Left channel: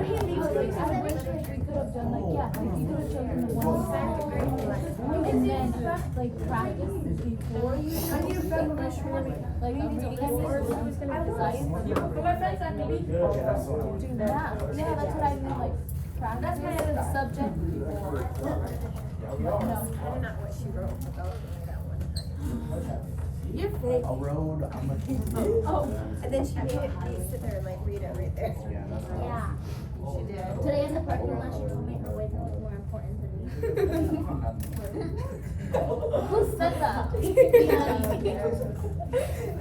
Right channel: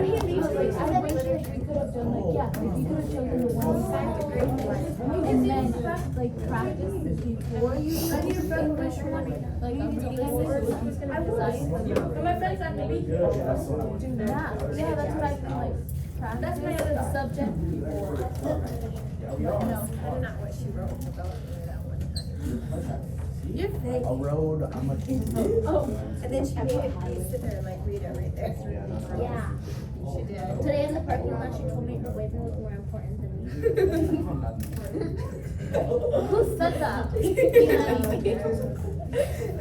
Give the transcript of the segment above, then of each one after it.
But he leaves like, I said we could have done like, yeah, he could have chosen the one side and then like practice before you like I'm reading it so you can decide. But my friends at the beach. Yeah, that's what I feel like. Practice the subject. No. Not what she wrote about that one time. You're fake. A road, I'm a kid. Oh, and then she made it sit there and like read it right there. Yeah. She did. Today in the parking lot, she told me her waving was more important than me. Who said that? It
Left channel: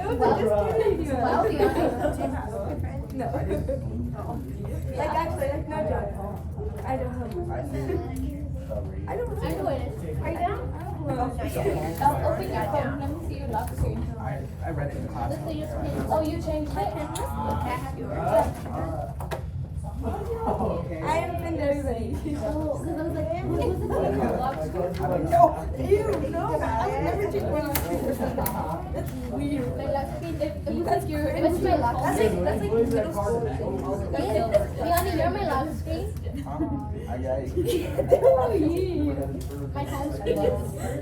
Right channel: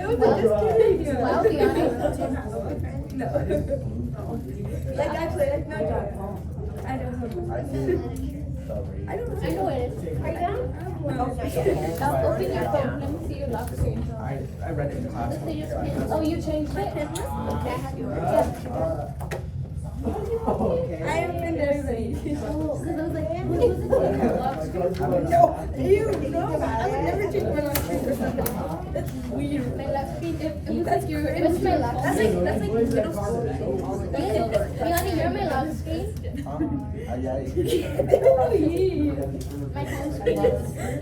was like just kidding. Wow, No. Like actually, like no joke. I don't know. I don't know. I know it is. Are you down? No. Let me see your lock screen. I read it in class. Let's see your screen. Oh, you changed it? I haven't been to everybody. Because I was like, who's the lock screen? I don't know. You know, I would never take one on screen for something. That's weird. My lock screen. It was like your, what's my lock That's screen? like middle school. Yanni, you're my lock screen. My home screen.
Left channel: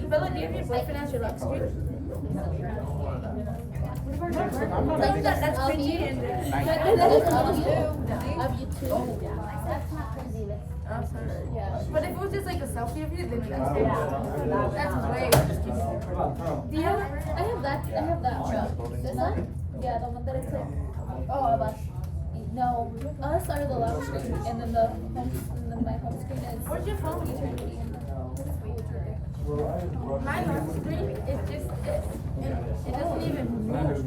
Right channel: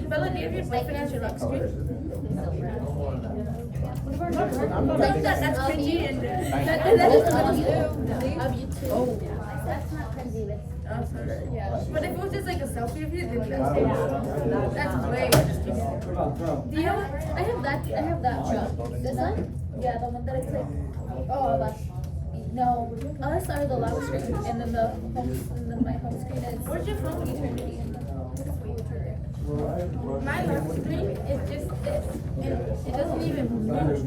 Bella, do you have your boyfriend as your lock screen? That's cringy and That is of you too. That's not cringy. I'm sorry. Yeah. But if it was just like a selfie of you, then that's way. Do you have? I have that. I have that. This one? Yeah, the one that I clicked. Oh, that's. No, us are the loud screen, and then my home screen is. Where's your phone? Eternity and My lock screen is just this. It doesn't even move.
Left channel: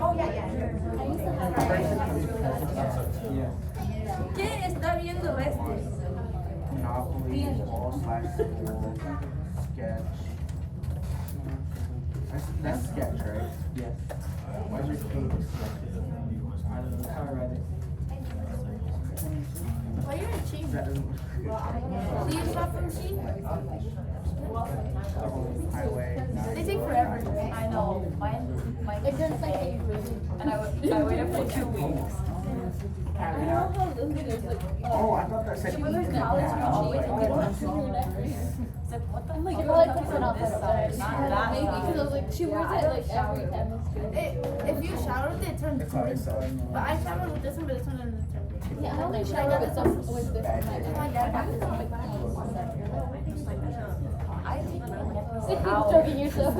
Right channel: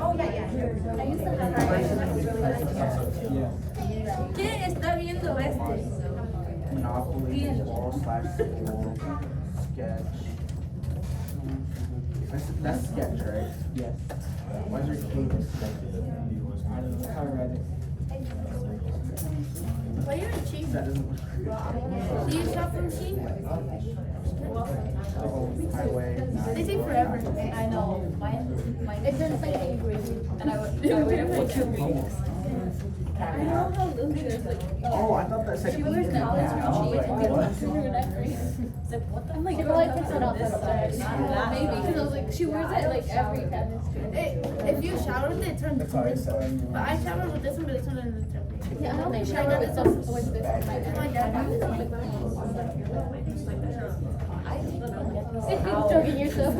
Oh yeah. I used to have ¿Qué está viendo este? Monopoly, wall/school, sketch. That's sketch, right? Yes. Why's your key? Why are you cheap? That doesn't. Do you shop from sheep? Highway. They take forever. I know. Mine It's just like angry. and I waited for 2 weeks. I know how losers like. Oh, I thought that said. She was in college when she went to I'm like, You're like, it's not this side. Maybe, because I was like, she wears it like every chemistry. If you shower with it, it turns green. But I shower with this one, but it's not in the turn. Yeah, I only shower with this one. My dad has it. Joking yourself.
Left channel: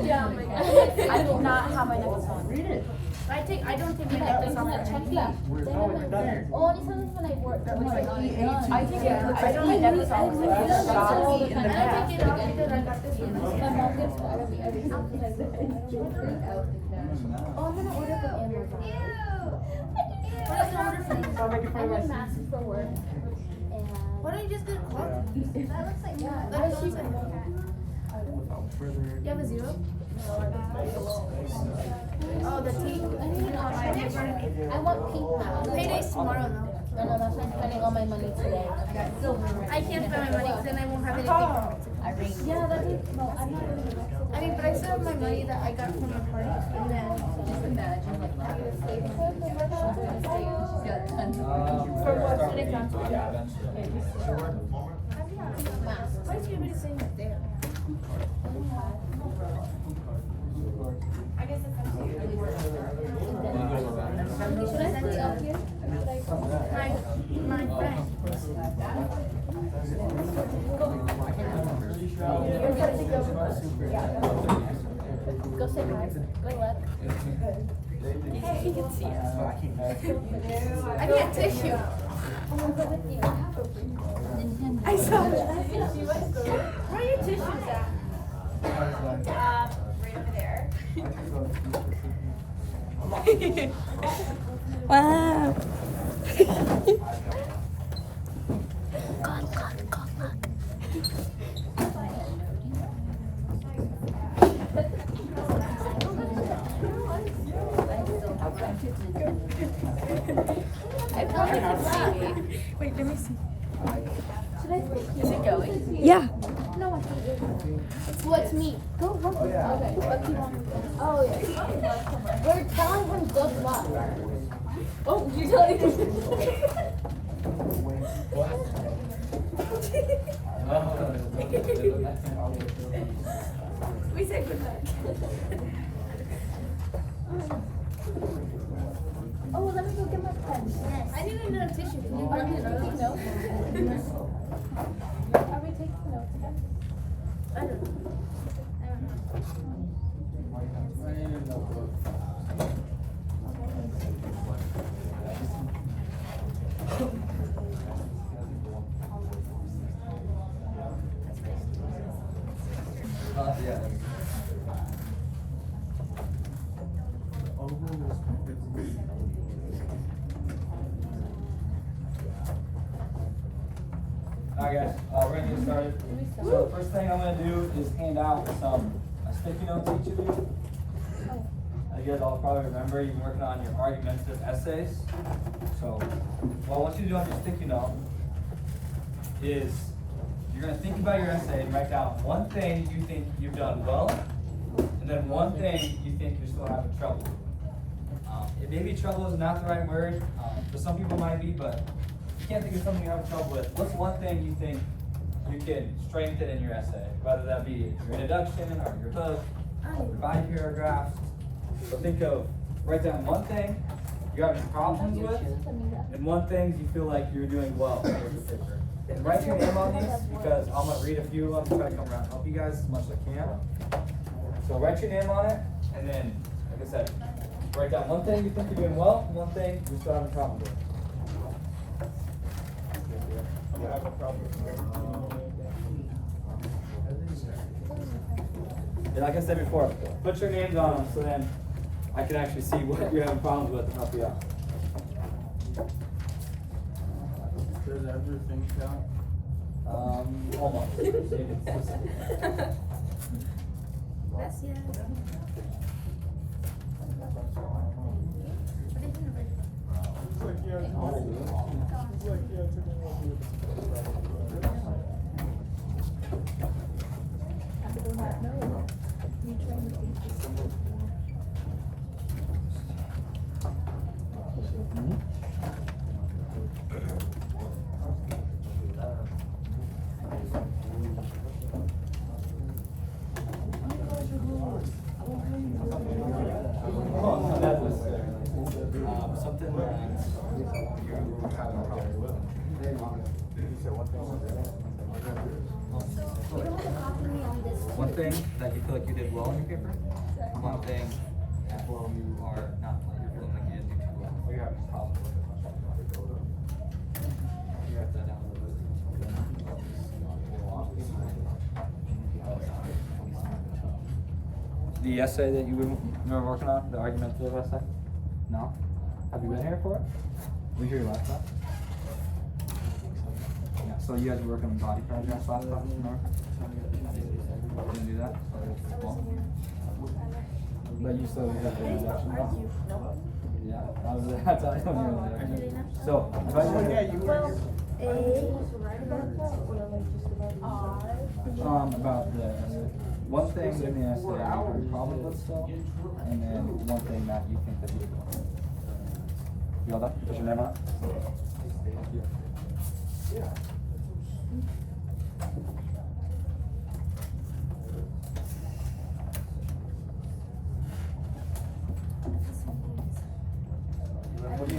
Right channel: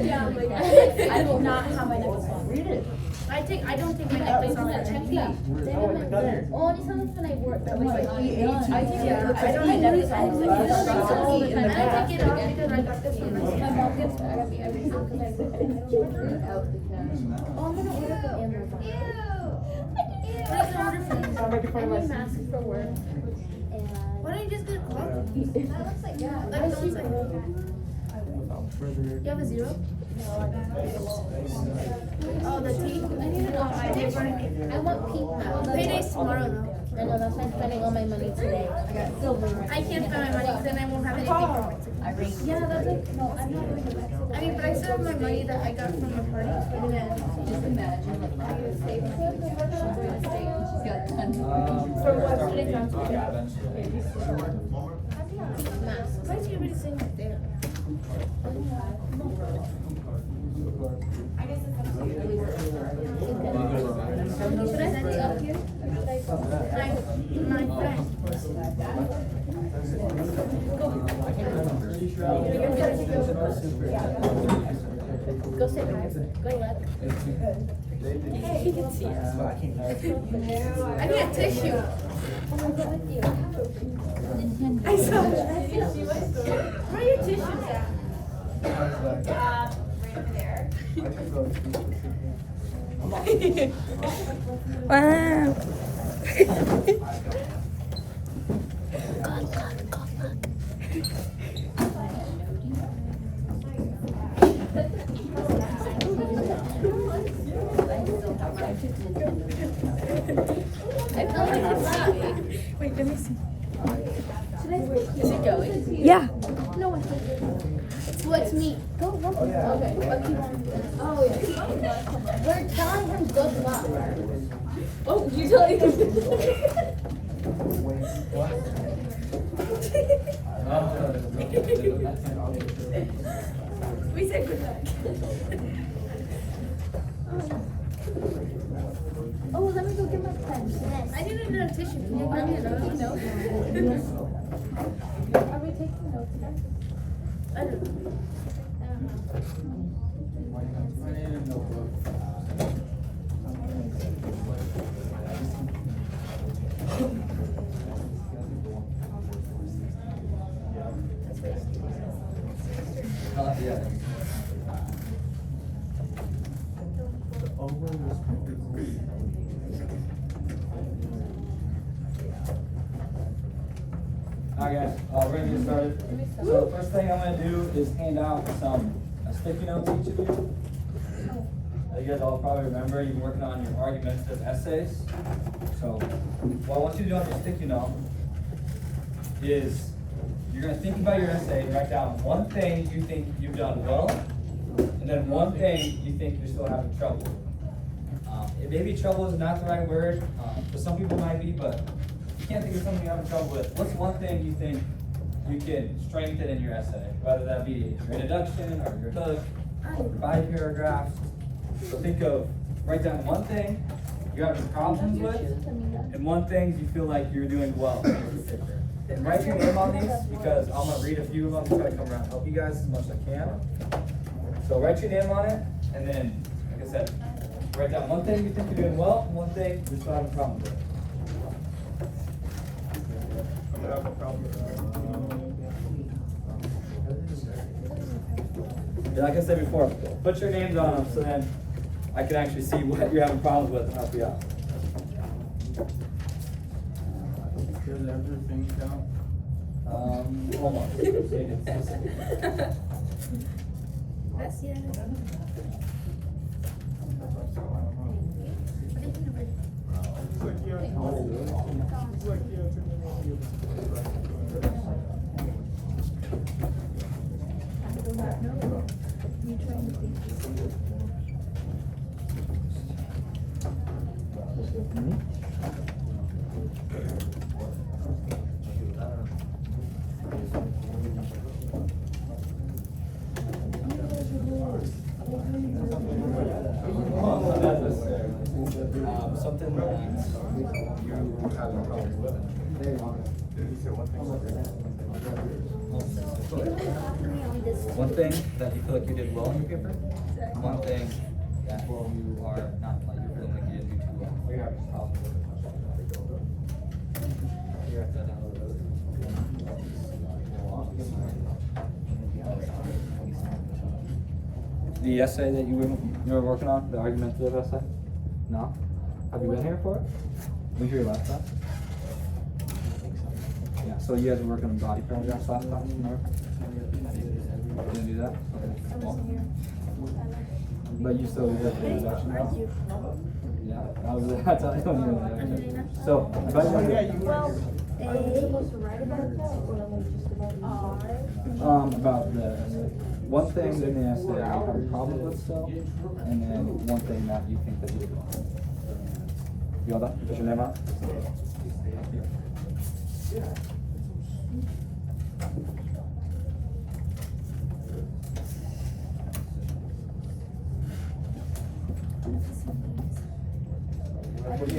Yeah, oh my god. I do not have my necklace on. I don't take my necklace off. Only sometimes when I work. I take it. It looks like my necklace on. all the time. And I take it off because I got this one. My mom gets mad at me every time because I don't Oh, I'm gonna order from Amazon. I need masks for work. Why don't you just get cloth? That looks like, yeah. That looks like. Further. You have a zero? Oh, the T. I need to know my I want pink masks. Payday's tomorrow though. I know that's why I'm spending all my money today. I got silver. I can't spend my money because then I won't have anything for Mexico. Yeah, that's like, no, I'm not going to Mexico. I mean, but I still have my money that I got from my party. And then, Just imagine. I need to save money. I'm going to stay and she's got tons of money. for what? What is on Masks. Why is everybody saying that there? Should I send it up here? My friend. Go sit down. Good luck. I need a tissue. I saw it. Where are your tissues at? Right over there. Wow. Wait, give me some. Is it going? Yeah. No, I can't. What's me? Go, go. Okay. Oh, yeah. We're telling him good luck. Oh, you telling me? We said good luck. Oh, let me go get my pen. I need another tissue. Can you grab me another one? No. Are we taking notes again? I don't know. Yeah. Alright guys, we're gonna get started. So the first thing I'm gonna do is hand out some sticky notes to each of you. You guys all probably remember you've been working on your argumentative essays. So what I want you to do on your sticky note is you're gonna think about your essay and write down one thing you think you've done well, and then one thing you think you're still having trouble with. Maybe trouble is not the right word, for some people it might be, but if you can't think of something you're having trouble with, what's one thing you think you can strengthen in your essay? Whether that be your introduction or your hook, or 5 paragraphs. So write down one thing you're having problems with, and one thing you feel like you're doing well. And write your name on these because I'm gonna read a few of them, try to come around and help you guys as much as I can. So write your name on it, and then, like I said, write down one thing you think you're doing well, and one thing you're still having problems with. Yeah, like I said before, put your names on them so then I can actually see what you're having problems with and help you out. Does everything count? Hold on. That's yeah. Something one thing that you feel like you did well in your paper, one thing that where you are not like you feel like you didn't do too well. The essay that you were working on, the argumentative essay? No? Have you been here for it? Let me hear your last time. Yeah, so you guys were working on body paragraphs last time, remember? You didn't do that? I wasn't here. But you still did the introduction? Yeah, I was there. That's how I don't even know. So, if I about the essay. One thing in the essay you have a problem with still, and then one thing that you think that you did well. You all done? Put your name on.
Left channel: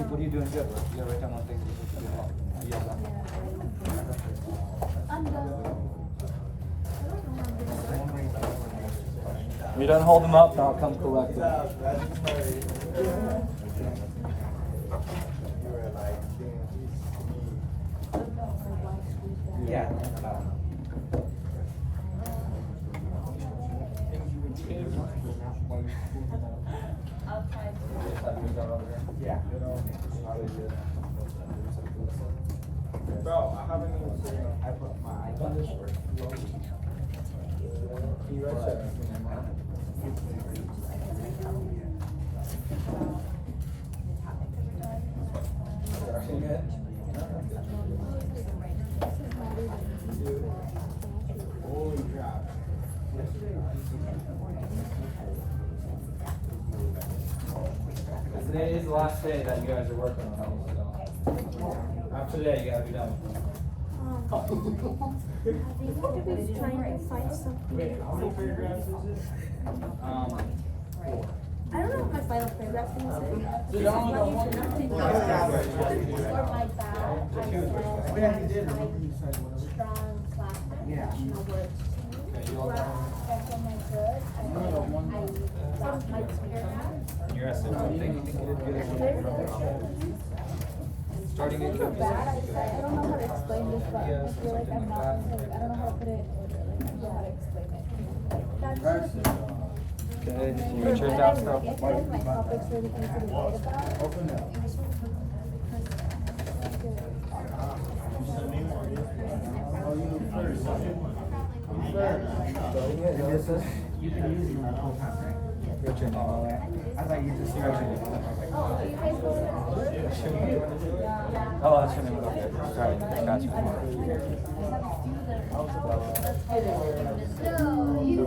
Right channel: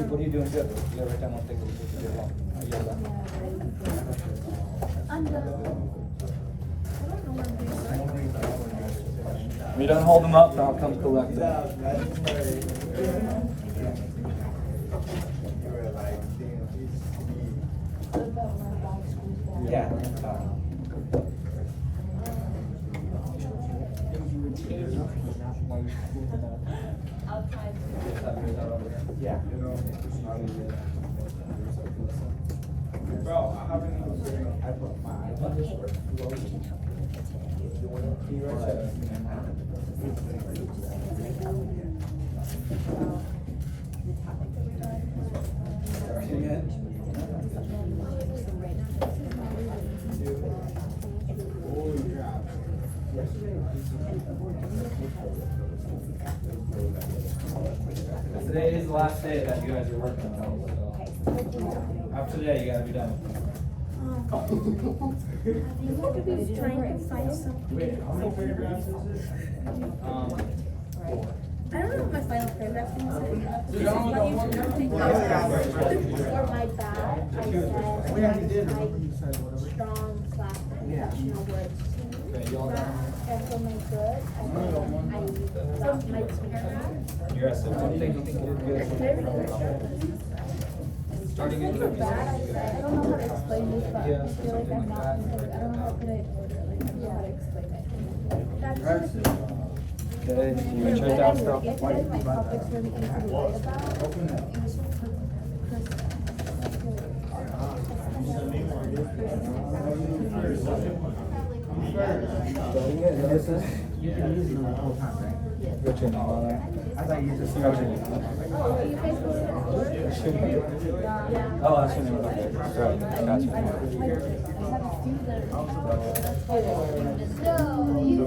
What are you doing good? You gotta write down one thing that you did well. You all done? I'm done. If you don't hold them up, then I'll come collect them. Yeah. Yeah. Bro, I haven't even seen I put my today is the last day that you guys are working on these, so. After today, you gotta be done with them. Trying to find something. Wait, how many paragraphs is it? I don't know what my final paragraph thing is. This is what you For my back, I said, Oh, yeah, you did. You said whatever. strong, class, Yeah. professional words. Okay, you all done? And for my good, I dropped my teacher. You're at 17. Starting in For bad, I don't know how to explain this, but I feel like I'm not, I don't know how to explain it. Practice it. Okay, When you turn I down look still. at it, my topics really easy to write about. Open it. And this is, you've been using them the whole time, right? What's your name? I thought you just. Oh, are you guys supposed to record? Oh, that's your name. Okay, sorry, gotcha. No, you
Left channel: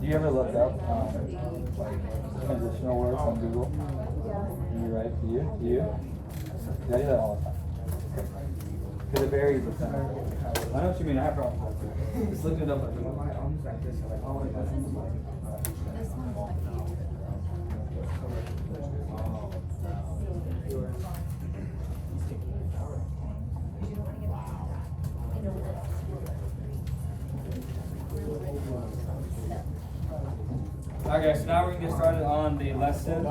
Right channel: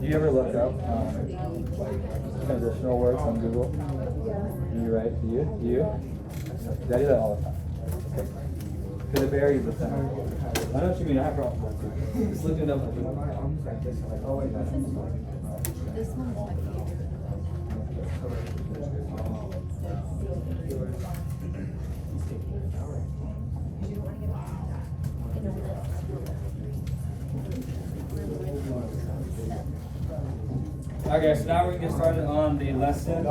Do you ever look up transitional words on Google? Do you write? Do you? Do you? I do that all the time. Because it varies the time. I know what you mean. I have problems with it. Just looking it up. Oh, wait, that's Okay, so now we're gonna get started on the lesson.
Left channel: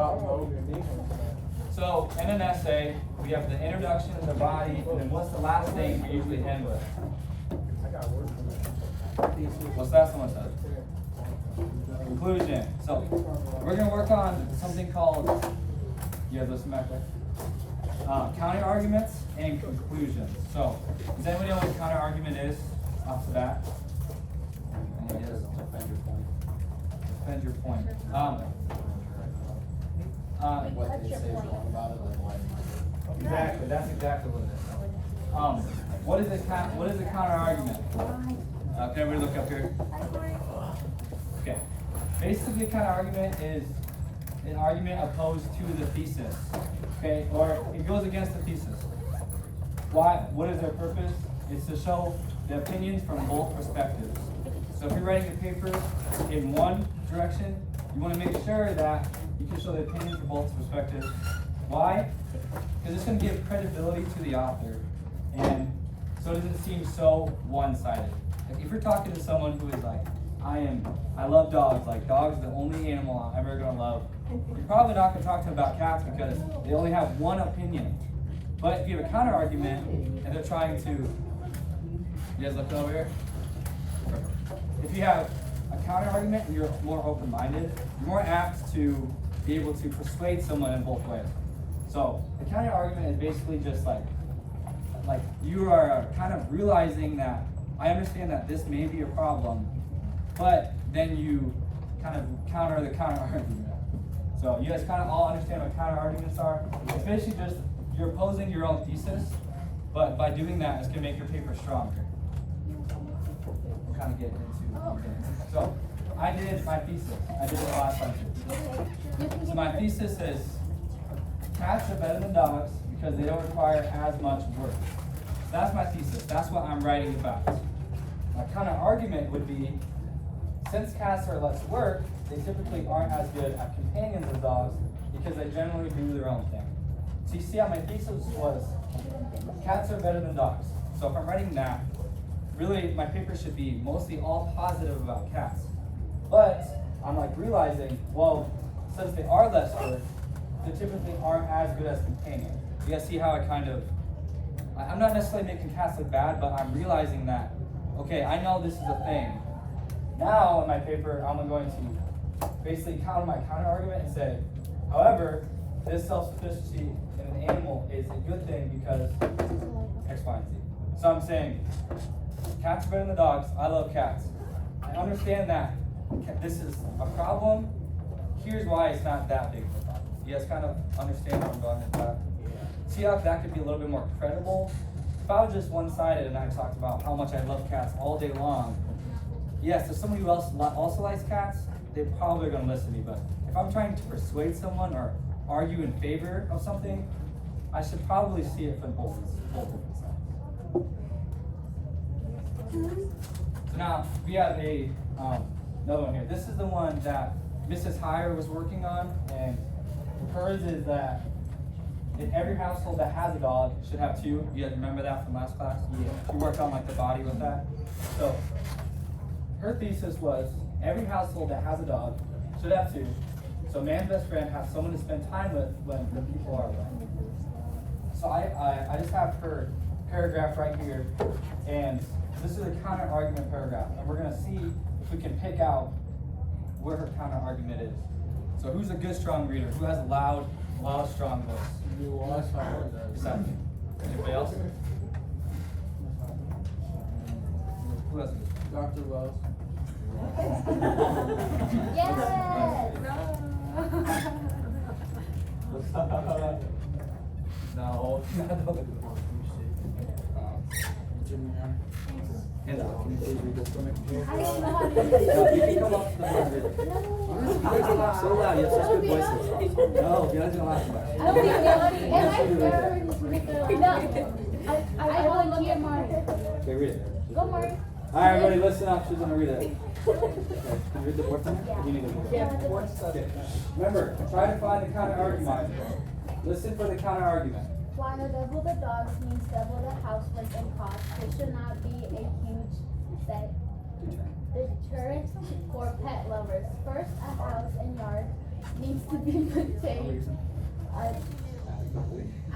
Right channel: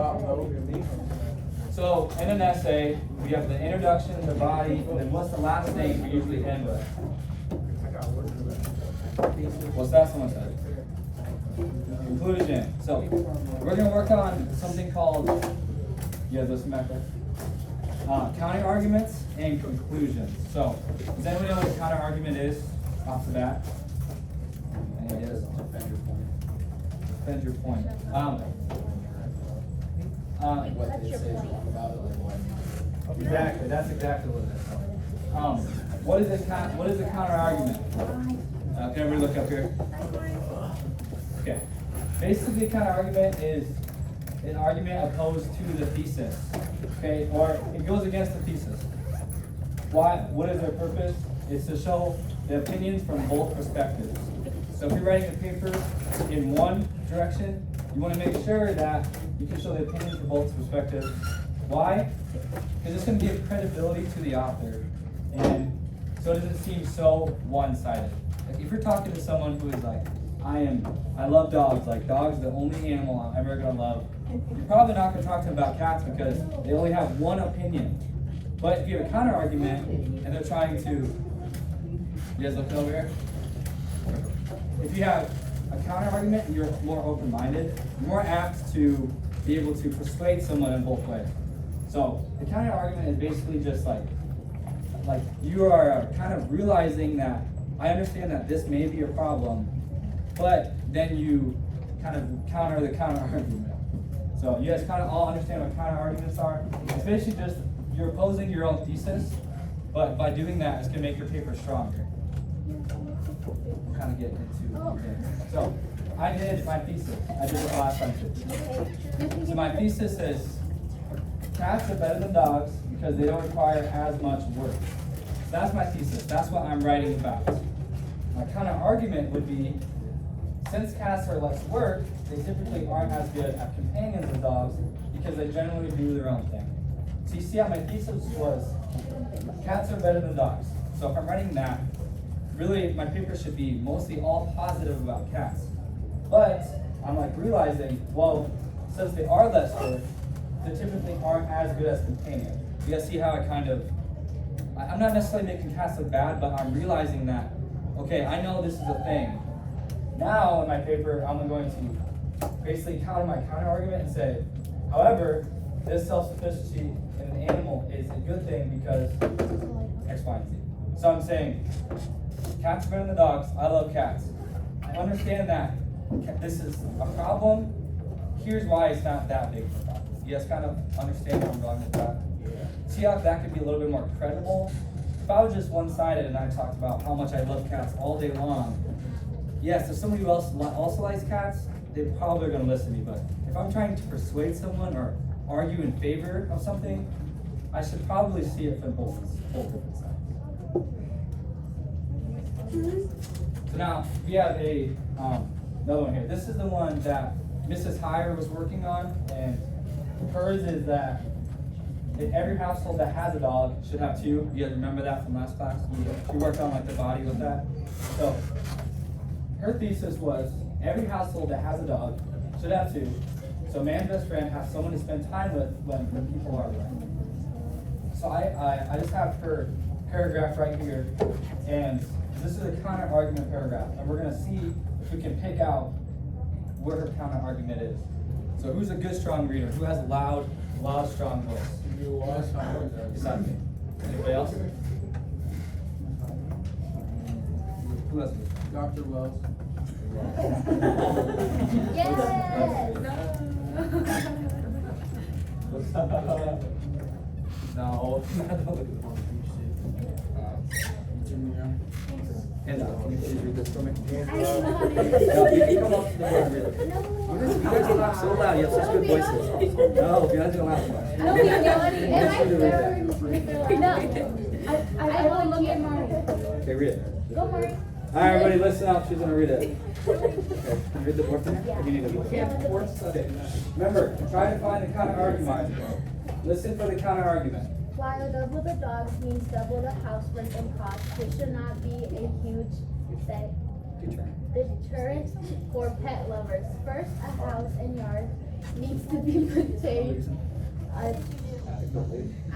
So in an essay, we have the introduction, the body, and then what's the last thing we usually end with? What's that one said? Conclusion. So we're gonna work on something called, you guys listen back there? Counter arguments and conclusions. So does anybody know what a counter argument is off the bat? I guess defend your point. Defend your point. Exactly. That's exactly what it is. What is a counter argument? Can everybody look up here? Okay. Basically, counter argument is an argument opposed to the thesis. Okay, or it goes against the thesis. Why? What is their purpose? It's to show the opinions from both perspectives. So if you're writing a paper in one direction, you want to make sure that you can show the opinions from both perspectives. Why? Because it's going to give credibility to the author, and so it doesn't seem so one-sided. Like if you're talking to someone who is like, I love dogs, like dogs are the only animal I'm ever going to love, you're probably not going to talk to them about cats because they only have one opinion. But if you have a counter argument and they're trying to, you guys look over here? If you have a counter argument and you're more open-minded, you're more apt to be able to persuade someone in both ways. So the counter argument is basically just like you are kind of realizing that I understand that this may be a problem, but then you kind of counter the counter argument. So you guys kind of all understand what counter arguments are? It's basically just you're opposing your own thesis, but by doing that, it's going to make your paper stronger. We'll kind of get into it. So I did my thesis. I did it last lecture. So my thesis is cats are better than dogs because they don't require as much work. So that's my thesis. That's what I'm writing about. My counter argument would be, since cats are less work, they typically aren't as good at companions of dogs because they generally do their own thing. So you see how my thesis was, cats are better than dogs. So if I'm writing that, really my paper should be mostly all positive about cats. But I'm like realizing, well, since they are less work, they typically aren't as good as companions. You guys see how I kind of, I'm not necessarily making cats look bad, but I'm realizing that, okay, I know this is a thing. Now in my paper, I'm going to basically counter my counter argument and say, however, this self-sufficiency in an animal is a good thing because X, Y, and Z. So I'm saying, cats are better than dogs. I love cats. I understand that this is a problem. Here's why it's not that big of a problem. You guys kind of understand where I'm going with that? See how that could be a little bit more credible? If I was just one-sided and I talked about how much I love cats all day long, yes, if somebody who else also likes cats, they probably are gonna listen to me, but if I'm trying to persuade someone or argue in favor of something, I should probably see it from both different sides. So now, we have another one here. This is the one that Mrs. Heyer was working on, and hers is that in every household that has a dog should have two. You guys remember that from last class? We worked on like the body with that. So her thesis was every household that has a dog should have two. So man's best friend has someone to spend time with when people are around. So I just have her paragraph right here, and this is a counter argument paragraph, and we're gonna see if we can pick out what her counter argument is. So who's a good strong reader? Who has a loud, strong voice? Exactly. Anybody else? Who else? Dr. Wells. No. Jimmy Young. And can you please read this for me? I don't know how to do No, you can come up to the board and read it. You guys laugh so loud. You have such good voices. No, you guys don't laugh so much. I don't think you're on it. I want you to read that. No. I want to look at Mario. Okay, read it. Go, Mario. All right, everybody, listen up. She's gonna read it. Okay, can you read the board for me? Or do you need to read it? Okay. Remember, try to find the counter argument. Listen for the counter argument. While double the dogs means double the housework and cost, this should not be a huge deterrent for pet lovers. First, a house and yard needs to be maintained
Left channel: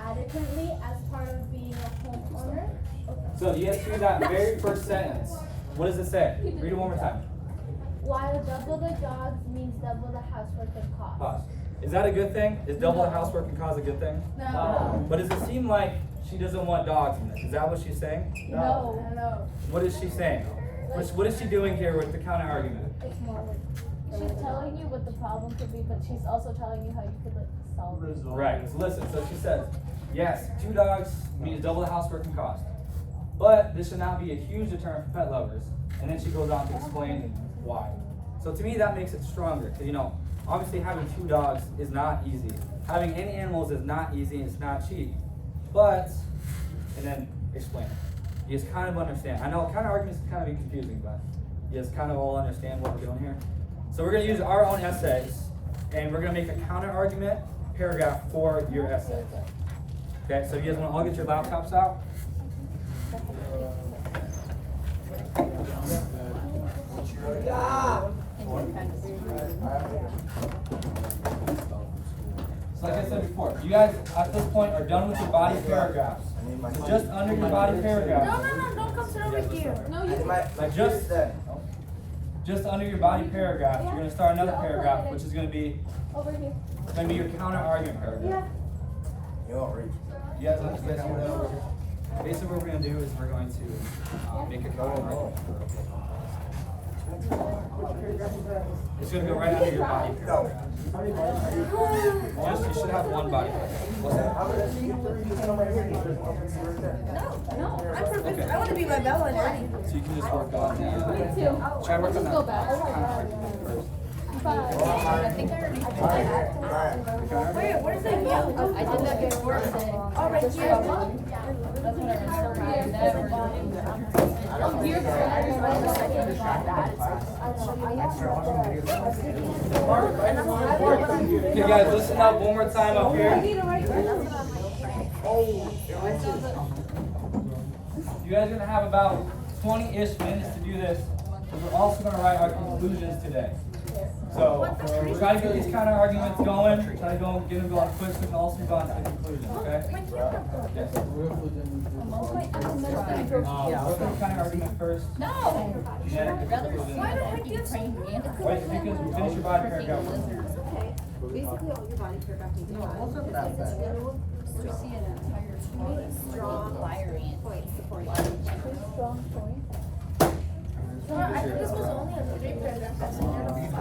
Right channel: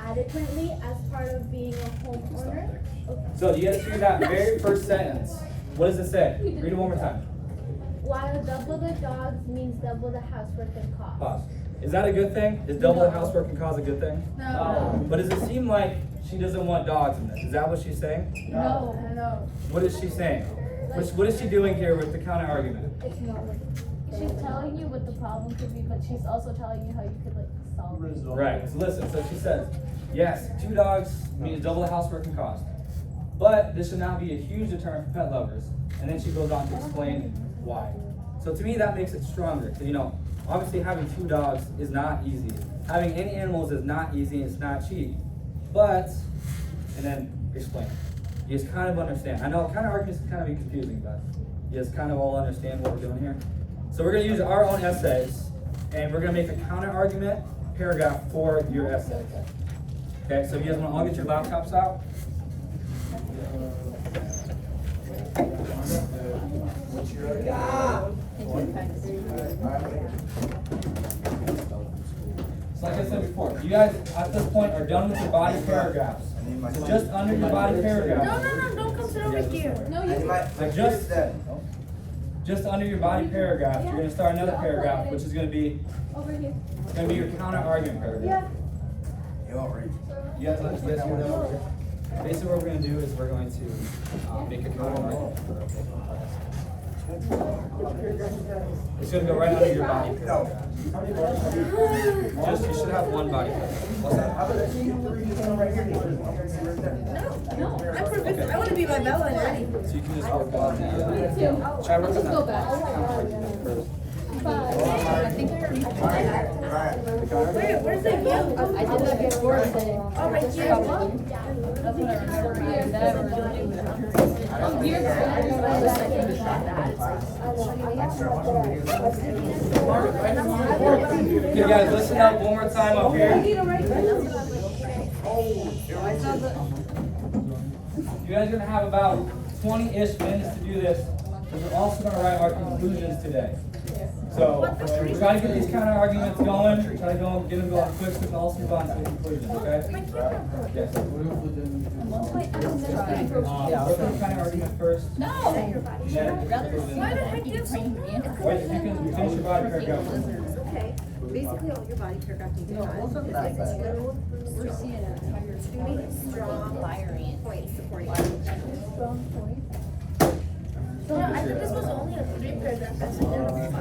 adequately as part of being a homeowner. So you guys see that very first sentence. What does it say? Read it one more time. While double the dogs means double the housework and cost. Pause. Is that a good thing? Is double the housework and cause a good thing? No. But does it seem like she doesn't want dogs in this? Is that what she's saying? No. What is she saying? What is she doing here with the counter argument? It's more. She's telling you what the problem could be, but she's also telling you how you could like solve it. Right. So listen. So she says, yes, 2 dogs means double the housework and cost. But this should not be a huge deterrent for pet lovers. And then she goes on to explain why. So to me, that makes it stronger. So, obviously having 2 dogs is not easy. Having any animals is not easy. It's not cheap. But, and then explain. You just kind of understand. I know kind of arguments can kind of be confusing, but you just kind of all understand what we're doing here. So we're going to use our own essays, and we're going to make a counter argument paragraph for your essay. Okay, so you guys want to all get your laptops out? So like I said before, you guys at this point are done with your body paragraphs. So just under your body paragraph. No, don't come sit over here. No, you. Like just under your body paragraph, you're gonna start another paragraph, which is gonna be Over here. your counter argument paragraph. You guys let this go down. Basically what we're gonna do is we're going to make a counter argument. It's gonna go right under your body paragraph. You should have one body paragraph. What's that? No. I want to be my Bella Daddy. So you can just work on the try working Just go on back. counter argument first. Where's the you? I did that before today. Okay, guys, listen up one more time up here. You guys are gonna have about 20-ish minutes to do this, because we're also gonna write our conclusions today. So try to get these counter arguments going. Try to get them going quick, so we can also go on to the conclusions. Okay? Yes. Work on the counter argument first. No. Then the conclusion. Why the heck this? Wait, if you can finish your body paragraph first. Okay. Basically, all your body paragraph needs to be We're seeing two strong points supporting. Strong point. I think this was only a 3 paragraph. That's like 5.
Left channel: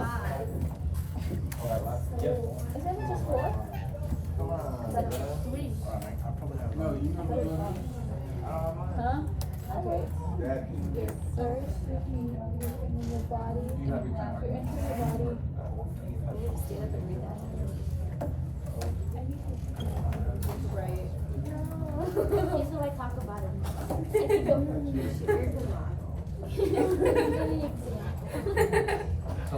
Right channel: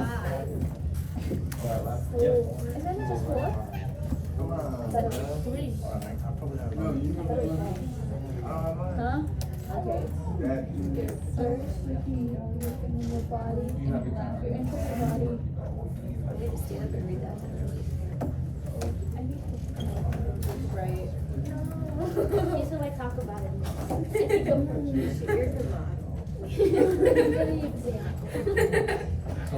Isn't it just 4? Three. Huh? Okay. First. your body, You have your time. your entire body. I'm gonna stand up and read that to them. Right. Okay, so let's talk about it. You're the model.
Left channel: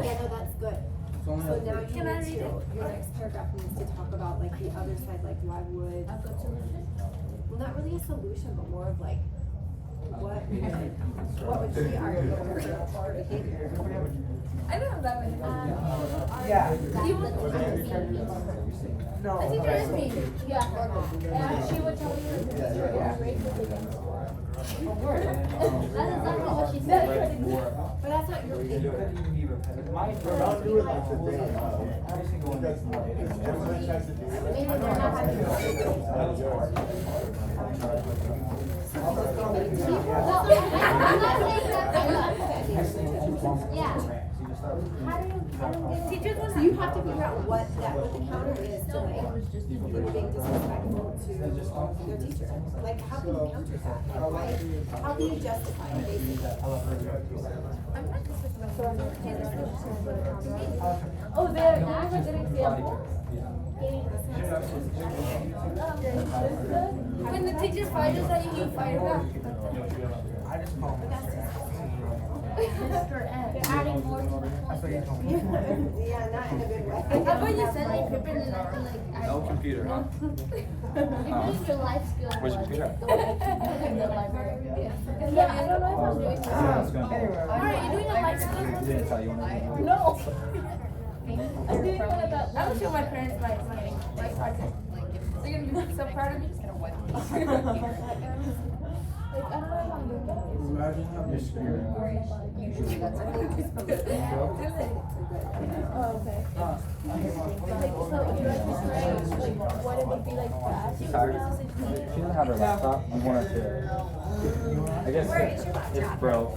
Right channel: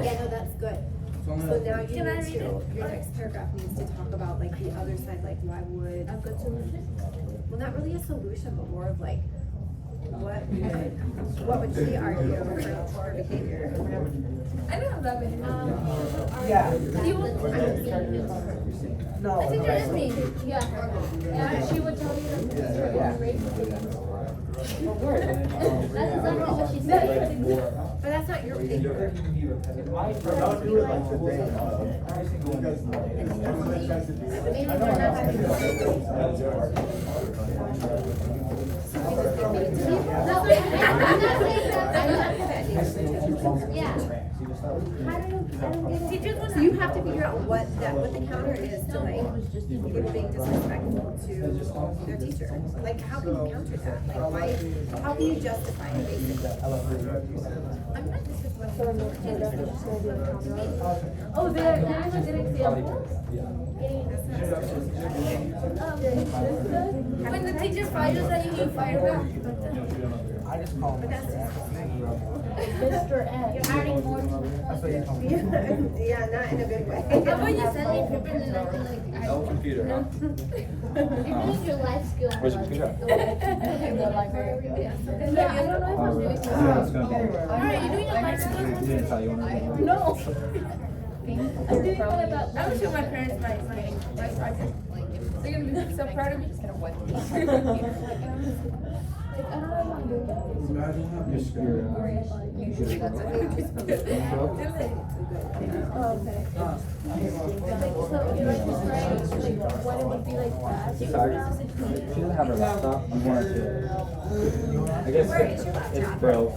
Yeah, no, that's good. So now you Can I need read to, your next paragraph needs to talk about like the other side, like why would, A good solution? well, not really a solution, but more of like, what would she argue for her behavior? I don't have that many. Yeah. Do you want? No. I think you're just me. Yeah. Yeah, she would tell me that the teacher was racist. That's exactly what she said. But that's not your You thing. couldn't be repetitive. Every single one. Maybe they're not having. Yeah. So you have to figure out what the counter is to like people being disrespectful to their teacher. Like how can you counter that? Like why, how can you justify it basically? I'm not disrespectful. Oh, there, that's a good example. When the teacher fires at you, you fire back. I just call But that's just, Mr. Ed. You're adding more to the point. yeah, not in a good way. How about you send me a paper and then I can like. No computer, huh? You're doing your life skills. Where's your computer? In the library. Yeah, I don't know if I'm doing this. Alright, you're doing your life skills. No. I'm doing one about. I'm gonna show my parents my project. They're gonna be so proud of me. Like, I don't know if I'm doing this. Imagine your spirit. Oh, okay. So, would you like to describe like what it would be like bad? Sorry. She doesn't have her laptop. We want to. I guess it's broke.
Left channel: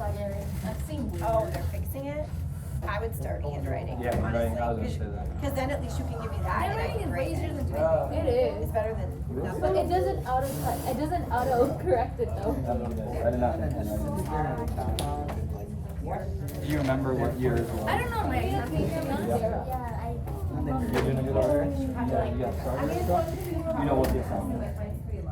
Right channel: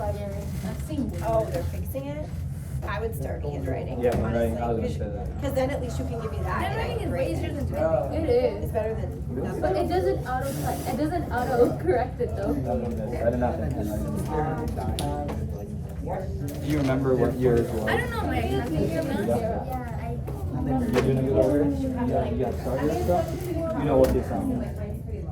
Oh, they're fixing it? I would start handwriting. Yeah, handwriting, I was gonna say that. Cause then at least you can give me that. Handwriting is way easier than typing. It is. It's better than nothing. But it doesn't auto correct it though. I did not think this. Do you remember what years? I don't know my exam. You're doing it over here? You have started stuff? You know what this is?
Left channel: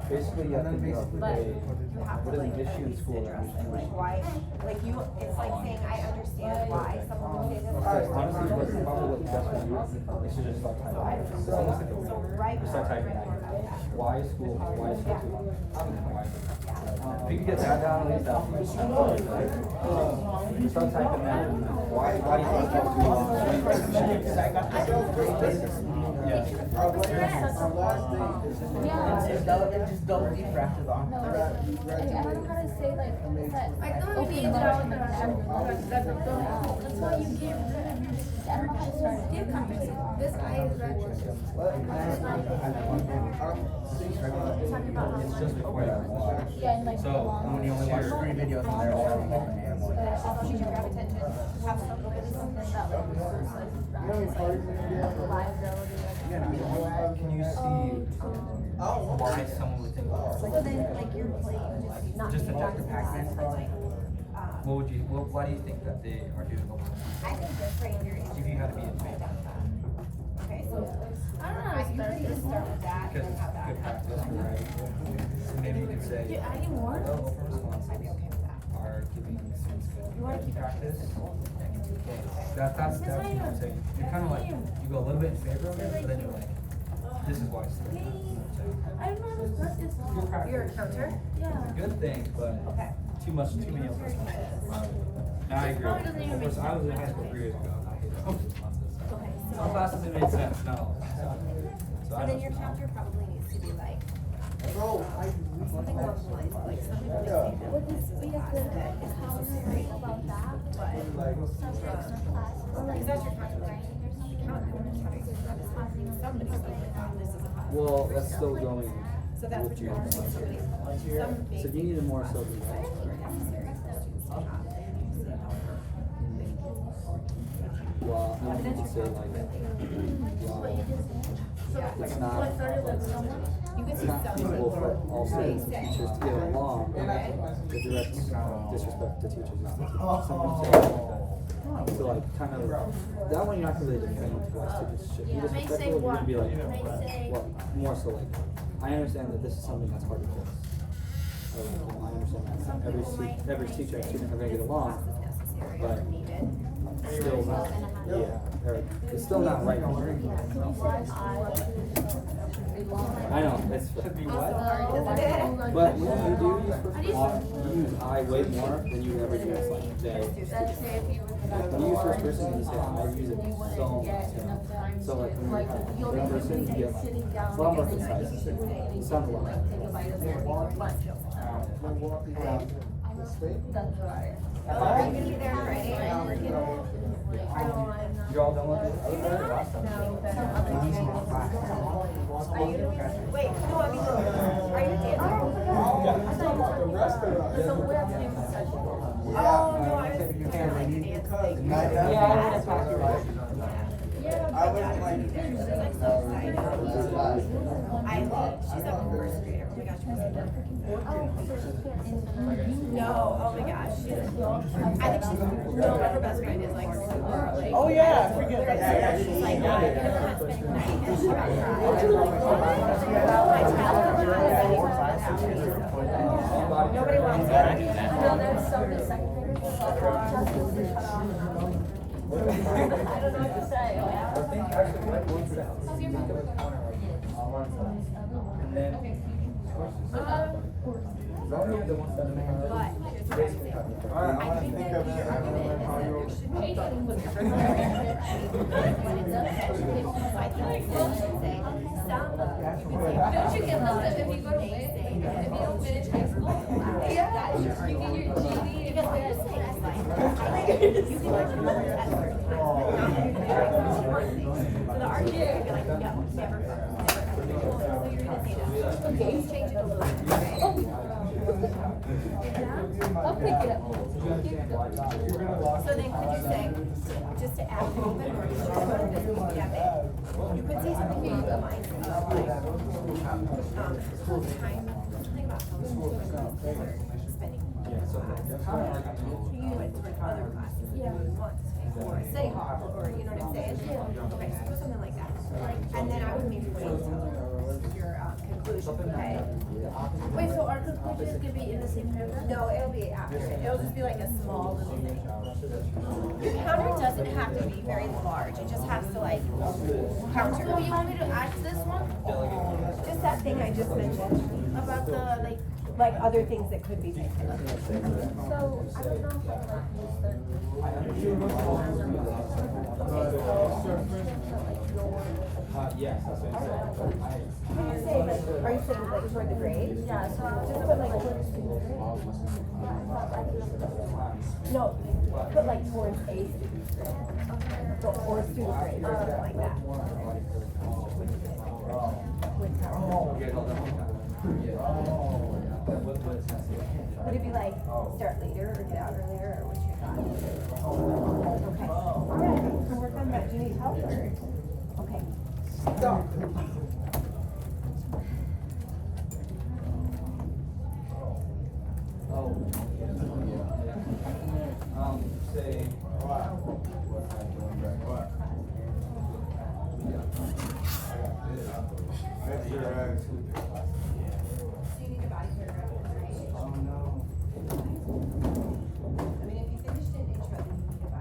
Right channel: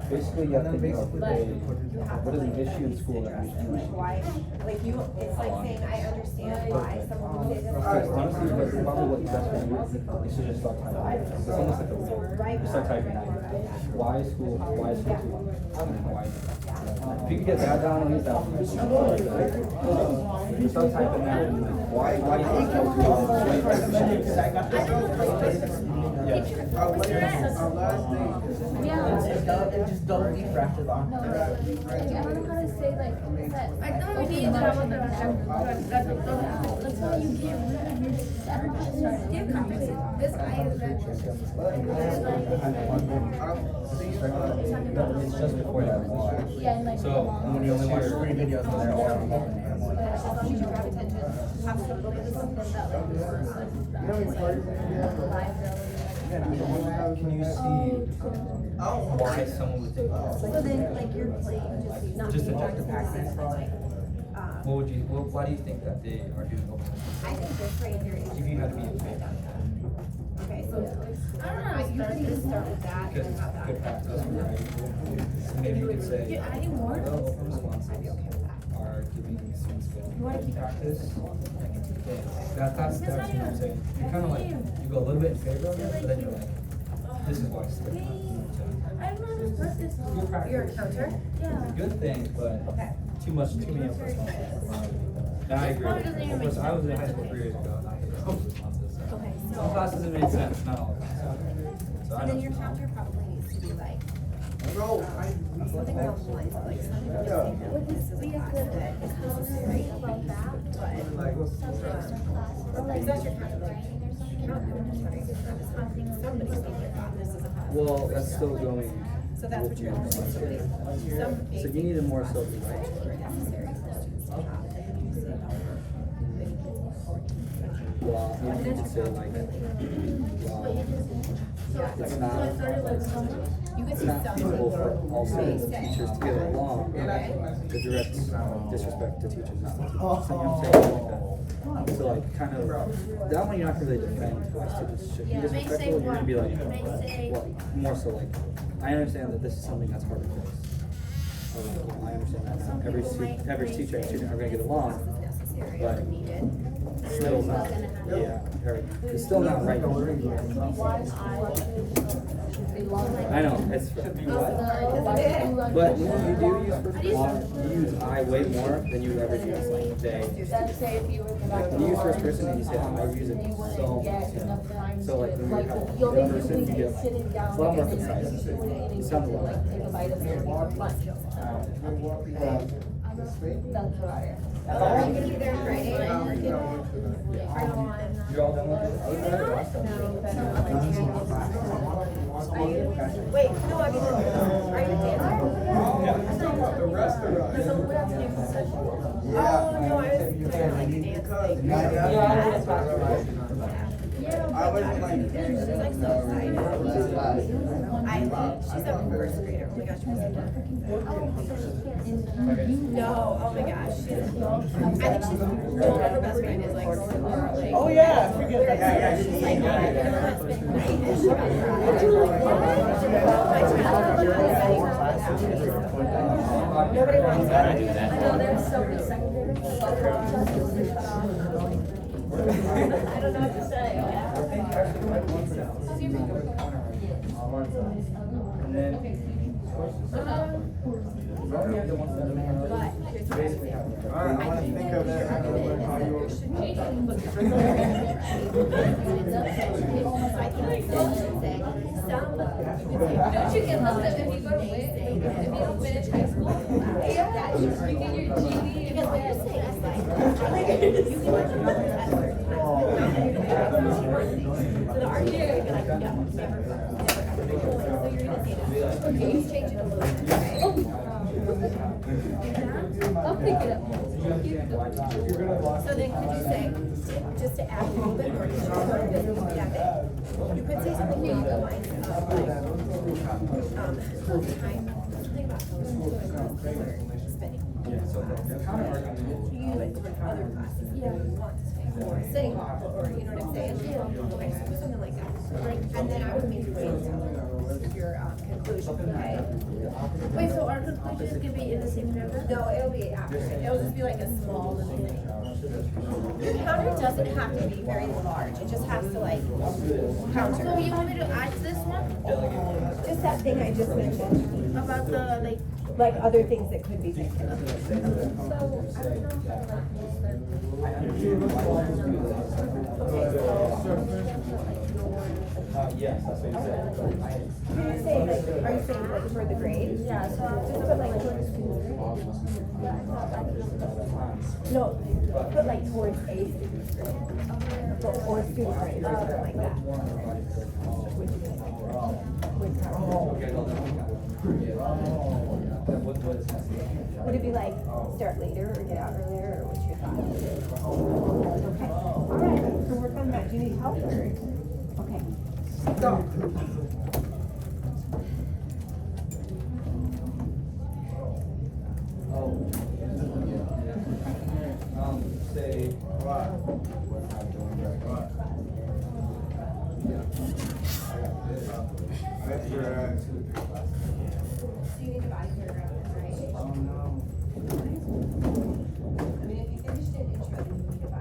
Basically, you have to think of what is an issue in school that we can. Like why, like you, it's like saying, I understand why someone would say this. Because honestly, what's probably what's best for you is to just start typing. Just start typing. Why is school? Why is school? And then why is it? If you can get that down, at least that. Just start typing that. Why is school? Our last day. Yeah. Just don't be fractured off. Like, I don't know how to say like that. I thought maybe that I was gonna have That's why you get Skin conferences. This eye is red. It's just before you have one. yeah, and like So When you only watch 3 videos and they're all from open hand one. Can you see why someone would think that? So then, like, you're playing, not Just being objective honest, facts. but like, Why do you think that they are doing open? I think they're pretty very. If you have to be in favor. Okay, so, I don't know how to you start can this. start with that Because and have that. good practice, right? So maybe you could say, You're adding more? well, open responses I'd be okay with that. are giving students good practice. That's what I'm saying. You kind of like, you go a little bit in favor of it, but then you're like, this is why it's good. I don't know how to start this. Good practice. Your counter? Yeah. Good thing, but too many open responses. And I agree. Of course, I was in high school 3 years ago, and I hated open responses. Okay, so, Some classes it made sense, no. So so I then know. your counter probably needs to be like, Bro, something along the lines of like, something that would this be a good is necessary, about that? because that's your counter, right? You don't have to try. Somebody's gonna get that, this is a class. Well, that's still going. So that's what you're, somebody, So you need a more so, right? were necessary for students to have. And then you say, well, you can say like, well, it's not, it's not feasible for all students and teachers to get along. The direct disrespect to teachers is to something like that. So like, kind of, that one you're not gonna really defend why students should be disrespectful. You're gonna be like, well, more so like, I understand that this is something that's hard to fix. Or like, you know, I understand that every teacher and student are gonna get along, but still not, yeah, or it's still not right. I know, it's fair. But when you do use first person, you use I way more than you ever use like they. Like when you use first person and you say I use it so much. So like when you're third person, you get like, it's a lot more concise. You sound a lot. Are you gonna be there Friday? You're all done with it? Wait, no, I mean, are you dancing? Oh, no, I was kind of like dancing. I was like, she's like so excited. She's a first grader. Oh my gosh, she's no, oh my gosh. I think she's her best friend is like super like. Oh yeah. She's like, I spent the night and she got nobody wants that. I know there's so many second graders. I don't know what to say. I think actually like one set. And then, don't we have the one set of basically have it. I think of that. Don't you get listed if you go to WIC? If you don't finish high school? Yeah. You get your GED. Because what you're saying is like, you can work on that certain time. So the argument would be like, no, never, ever. So you're gonna say that. Okay, you change it. I'll pick it up. So then could you say, just to add a little bit more, because you're going to this, yeah, you could say something along the lines of like, time, something about how much we're spending. You went to other classes that you want, or City Hall, or you know what I'm saying? Okay, so something like that. And then I would maybe wait until your conclusion, okay? Wait, so our conclusion is gonna be in the same paragraph? No, it'll be after, it'll just be like a small little thing. Your counter doesn't have to be very large, it just has to like counter. So you want me to add to this one? Just that thing I just mentioned, About the, like other things that could be fixed. so, I don't know if I'm not Yes, that's what you said. Are you saying like for the grade? Yeah, so just put like. No, put like towards a student's grade. Or student grade, or something like that. Would it be like start later or get out earlier, or what's your thought? Okay. Alright, we'll work on that. Do you need help or? Okay. Stop. Say. You need to buy your right? I mean, if you finished an intro, then you need to buy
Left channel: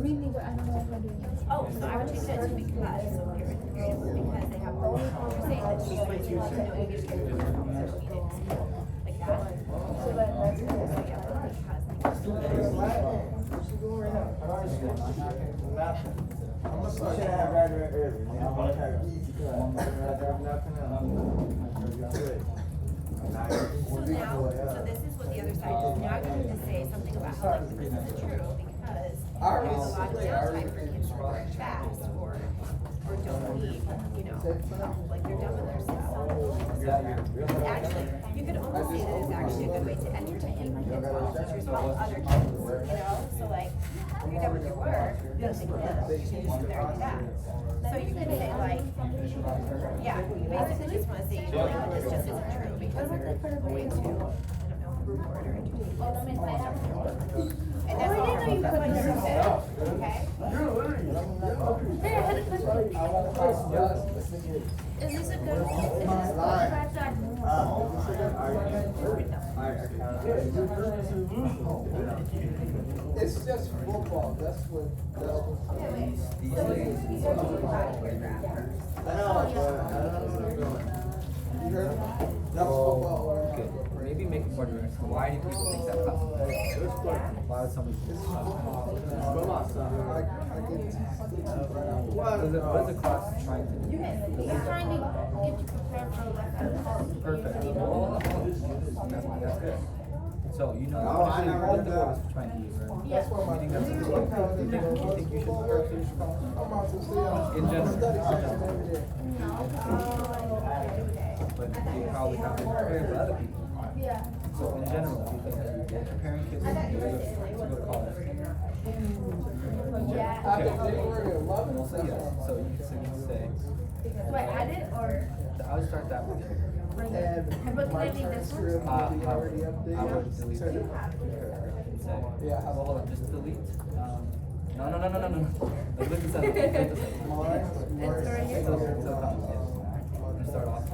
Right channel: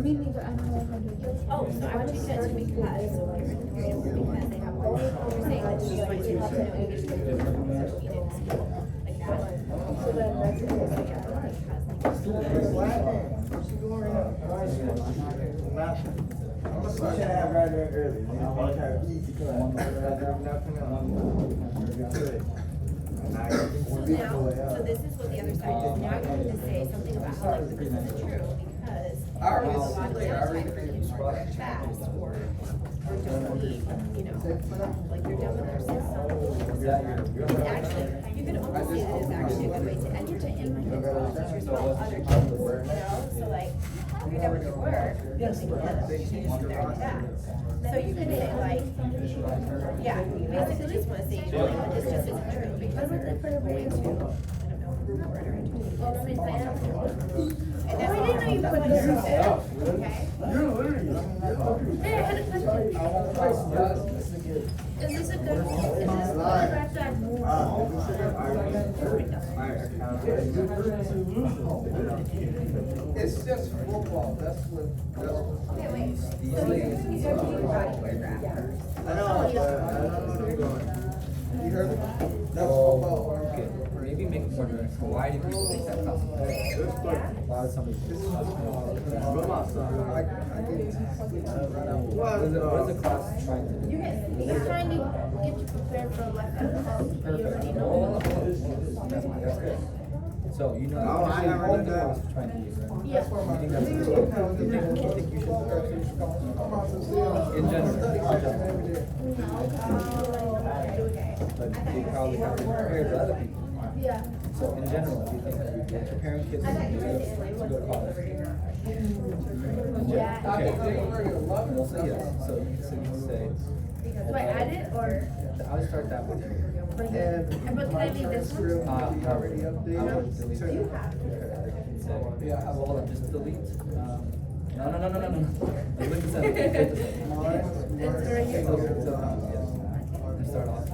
Me neither, I don't know how to do it. Oh, so I would change that to because they have both. You're saying that she's going to have to know English like that. So then that's it. Should have right early. You know, I have easy class. I do nothing else. now I'm going to say something about how like this isn't true because a lot of times kids are fast or don't believe, you know, like you're done with their system. Actually, you could almost say that it's actually a good way to entertain and like involve teachers with other kids, you know? So like, you're done with your work, you can change their task. So you could say like, yeah, basically just wanna say, you know, like, this just isn't true because they're going to, I don't know, order it. Oh, that makes sense. And that's all. know you put this in there. Okay? There, I had a question. Is this a good, is this good or It's just football, that's what. Okay, wait. So these are two body paragraph. I know, you heard it? That's football. Okay, maybe make it more direct. Why do people think that class? Why would somebody think that? What is the class trying to do? He's trying to get you prepared for like that. Perfect. That's good. So you know, I never what did the that. class is trying to do, right? Yeah. You think that's good? You think you should start to? In general. But you probably have to prepare for other people. Yeah. So in general, do you think that you're preparing kids to go to college? Yeah. Okay. We'll say yes. So you can say, Do I add it or? I'll start that with you. But can I leave this one? I would delete it. Say, hold on, just delete. No. Like, look at that. Start off.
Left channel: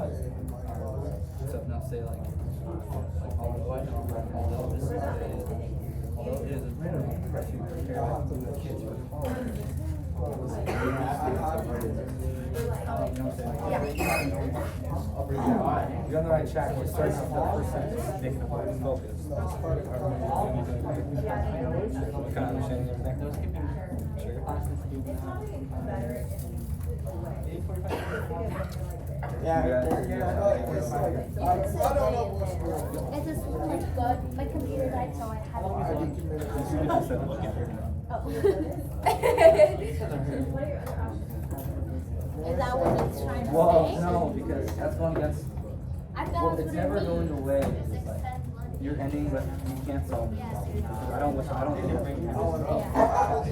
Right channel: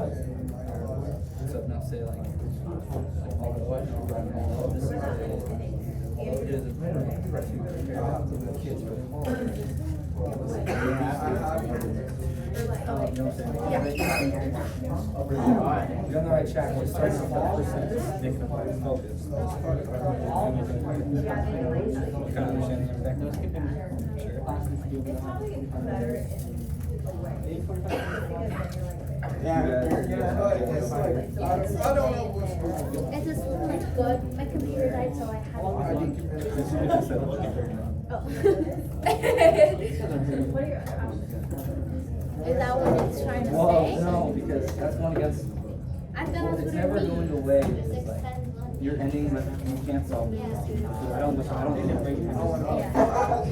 So now say like all the way. Just say, it is a to kids with you're on the right track. We're starting off that first sentence, making a focus. You kind of understand the effect? Sure. I don't know what's going on. It just looked good. My computer died, so I had it. Is that what it's trying to Well, say? no, because that's going against. I thought that's It's what never it going means. away. Just It's like, extend money. you're ending with you can't solve this. I don't think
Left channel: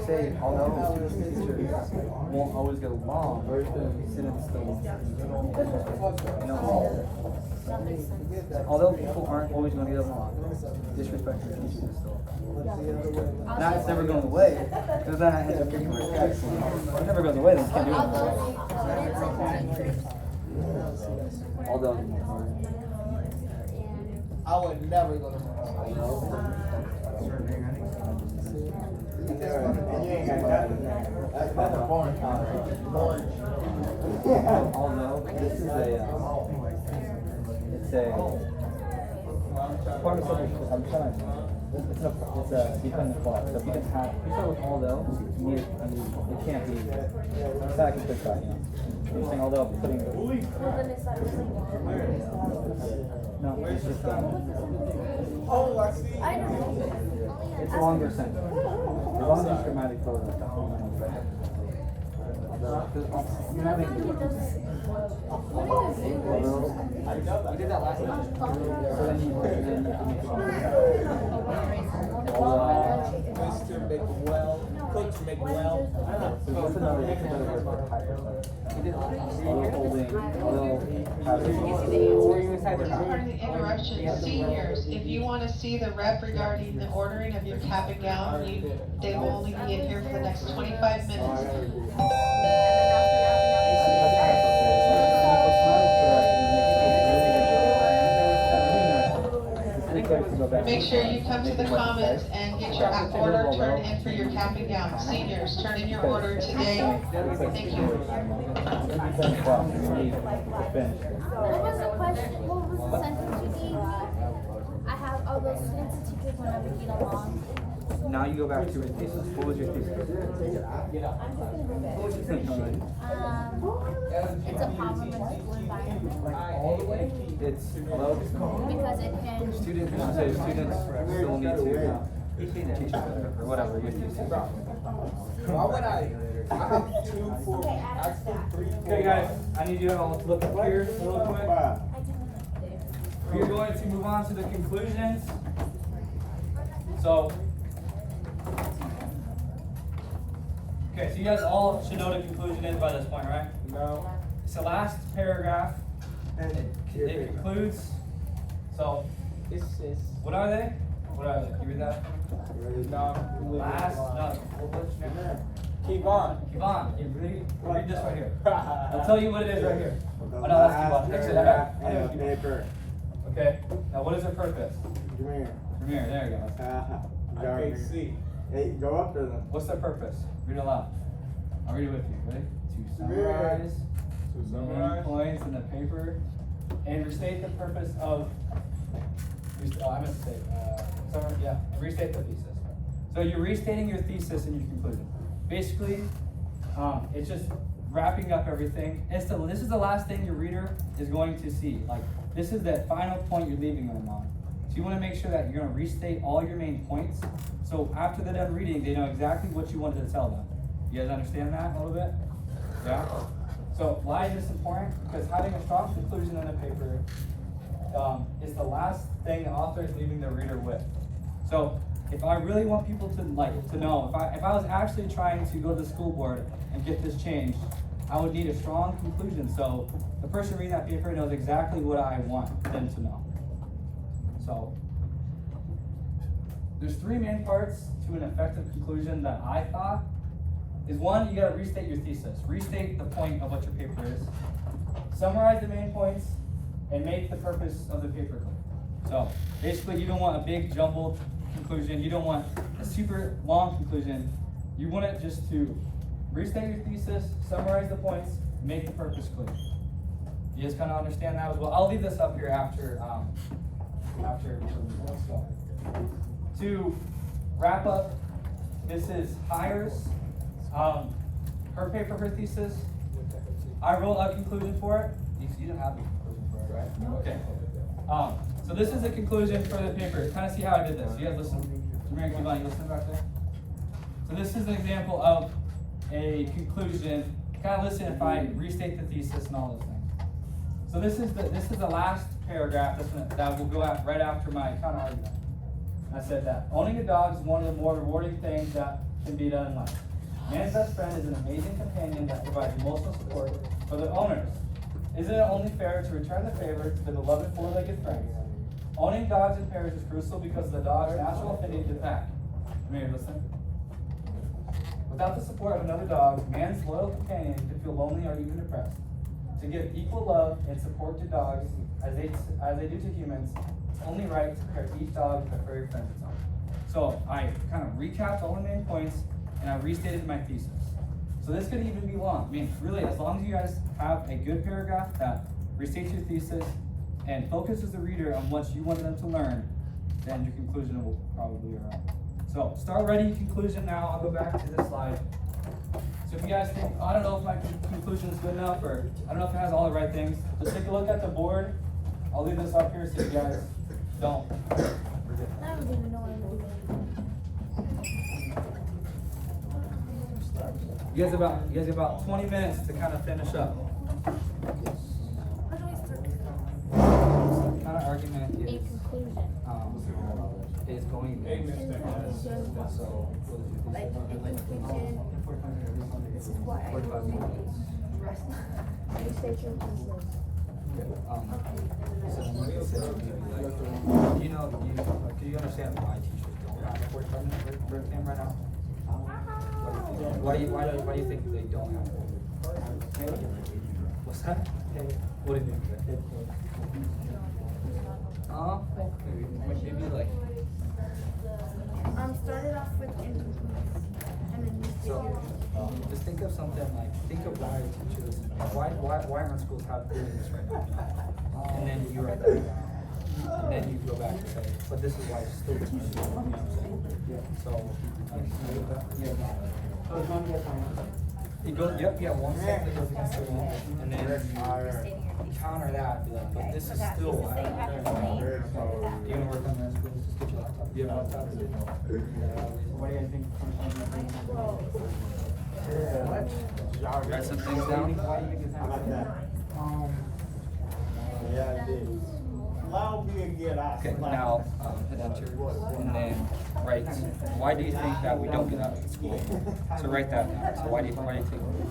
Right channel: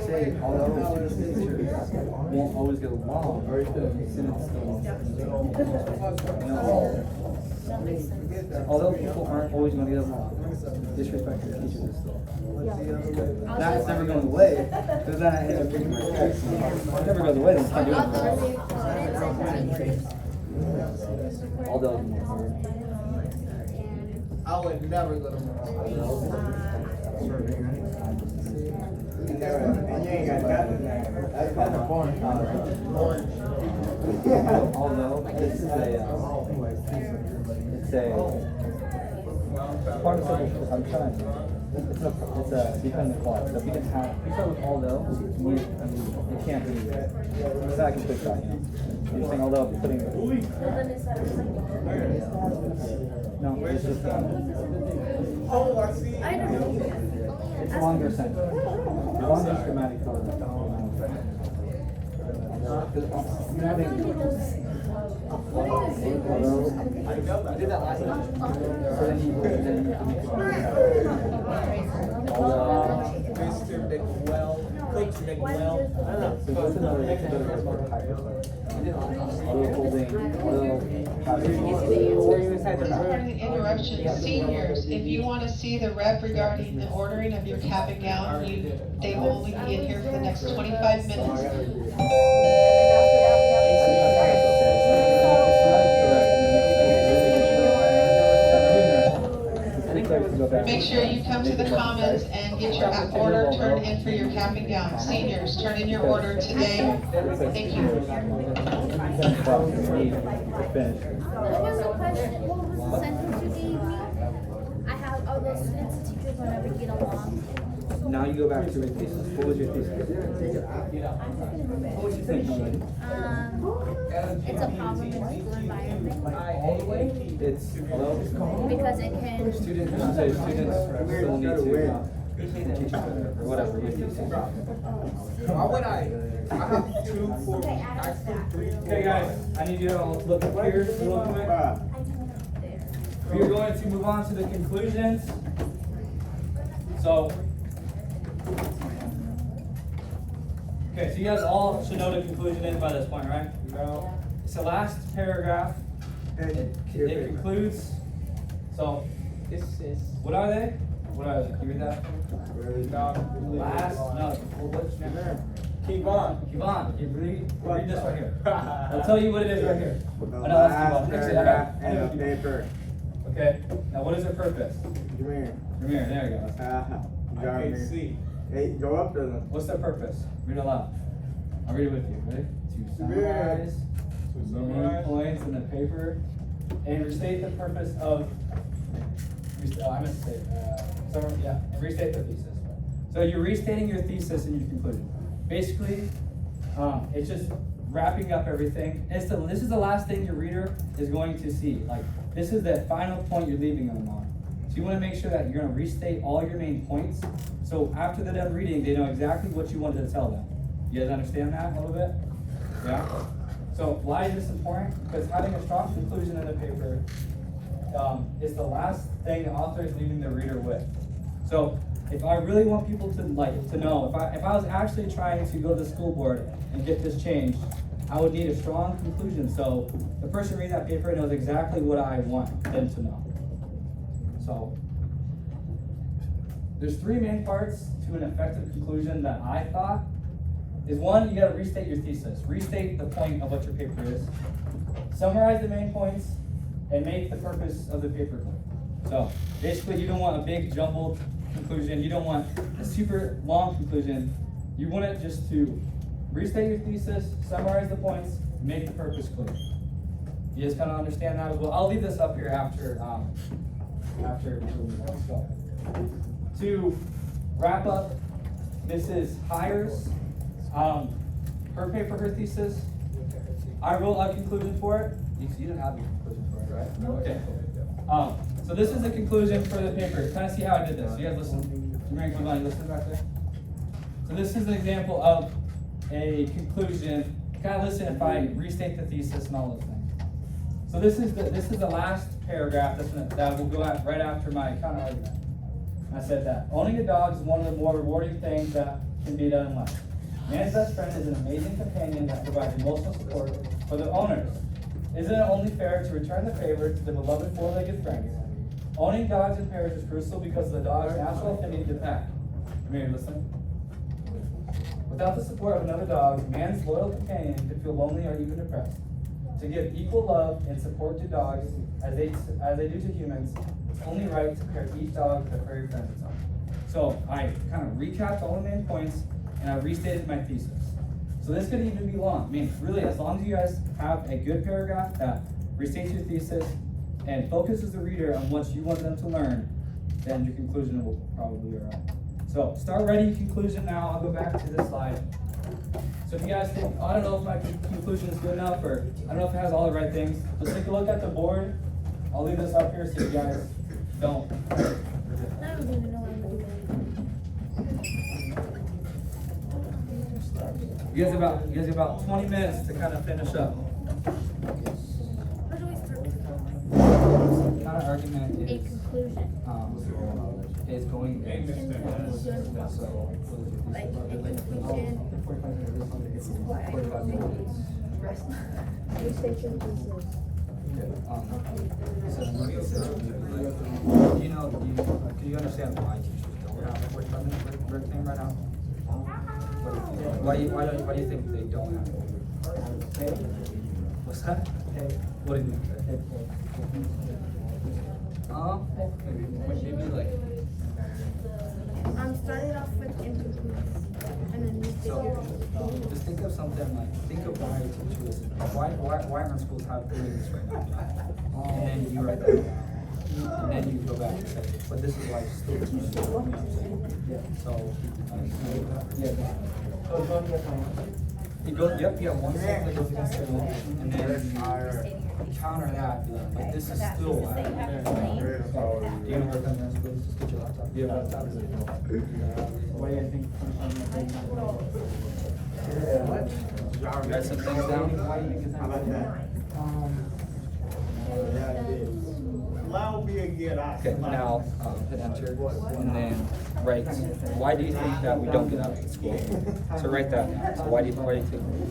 say although teachers won't always get along, students still although people aren't always going to get along, disrespecting teachers is still. Now it's never going away, because then I have to pick my face. It never goes away, then you can't do it. Although I would never go to And you ain't got nothing there. That's a corner college. although this is a participle. I'm trying to. It's behind the clause. So if you can have, if you start with although, it can't be. It's not a complete thought, you know. You're saying although putting. No, it's just. Oh, I see. I don't know. It's a longer sentence. As long as it's grammatic code. You're having. I did that last time. Mr. McWell, Coach McWell. Interruption. Seniors, if you want to see the rep regarding the ordering of your cap and gown, they will only be in here for the next 25 minutes. Make sure you come to the commons and get your order turned in for your cap and gown. Seniors, turn in your order today. Thank you. What was the question? What was the sentence you gave me? I have all those students and teachers will never get along. Now you go back to your thesis? What was your thesis? What was your thesis? It's a problem in the school environment It's relative. because it can. Students still need to teach each other or whatever your thesis. Why would I have 2, 4, actually 3, 4. Okay, guys, I need you to all look up here real quick. We are going to move on to the conclusions. So, okay, so you guys all should know the conclusion is by this point, right? No. It's the last paragraph. It concludes. So, This is. what are they? What are they? Can you read that? Last, no, what's your name? Kevon. Yvonne, you read this right here. I'll tell you what it is right here. Oh, no, that's Yvonne. Fix it. And a paper. Okay, now what is their purpose? Come Premier, there you go. I can't see. Hey, go up to them. What's their purpose? Read it aloud. I'll read it with you. Ready? To summarize the main points in the paper and restate the purpose of. I missed to say. And restate the thesis. So you're restating your thesis and your conclusion. Basically, it's just wrapping up everything. This is the last thing your reader is going to see. Like, this is the final point you're leaving them on. So you want to make sure that you're going to restate all your main points. So after they're done reading, they know exactly what you wanted to tell them. You guys understand that a little bit? Yeah? So why is this important? Because having a strong conclusion in the paper is the last thing the author is leaving the reader with. So if I really want people to know, if I was actually trying to go to the school board and get this changed, I would need a strong conclusion. So the person reading that paper knows exactly what I want them to know. So there's 3 main parts to an effective conclusion that I thought is: 1, you gotta restate your thesis. Restate the point of what your paper is. Summarize the main points and make the purpose of the paper clear. So basically, you don't want a big jumbled conclusion. You don't want a super long conclusion. You want it just to restate your thesis, summarize the points, make the purpose clear. You guys kind of understand that as well. I'll leave this up here after to wrap up. This is Hires, her paper, her thesis. I wrote a conclusion for it. You didn't have a conclusion for it, right? Okay. So this is the conclusion for the paper. Kind of see how I did this. You guys listen. Mary, come on, you listen back there. So this is an example of a conclusion. Kind of listen if I restate the thesis and all those things. So this is the last paragraph that will go out right after my counter argument. I said that owning a dog is one of the more rewarding things that can be done in life. Man's best friend is an amazing companion that provides emotional support for their owners. Isn't it only fair to return the favor to the beloved 4-legged friends? Owning dogs in pairs is crucial because of the dog's natural affinity to the pack. Mary, listen. Without the support of another dog, man's loyal companion could feel lonely or even depressed. To give equal love and support to dogs as they do to humans, it's only right to pair each dog with a furry friend of its own. So I kind of recapped all the main points and I restated my thesis. So this could even be long. I mean, really, as long as you guys have a good paragraph that restates your thesis and focuses the reader on what you want them to learn, then your conclusion will probably be all right. So start writing your conclusion now. I'll go back to this slide. So if you guys think, I don't know if my conclusion is good enough, or I don't know if it has all the right things, just take a look at the board. I'll leave this up here so you guys don't. I don't even know what I'm doing. You guys have about 20 minutes to kind of finish up. How do we start? Counter argument A is conclusion. is going. Like a conclusion. This is what I research your thesis. Do you understand why teachers don't have 45 minute break thing right now? Why do you think they don't have it? What's that? What do you think? Maybe like. I'm starting off with incompletes, and then you figure. Just think of something like, think of why teachers, why aren't schools have doing this right now? And then you write that down. And then you can go back and say, but this is why it's still different. You know what I'm saying? Yeah. So, it goes, yep, one second that goes against the law, and then counter that, be like, but this is still. You know work on this, just get your laptop. You have a laptop? What do you think? You got some things down? Okay, now, hit enter, and then write, why do you think that we don't get out of school? So write that, so why do you think,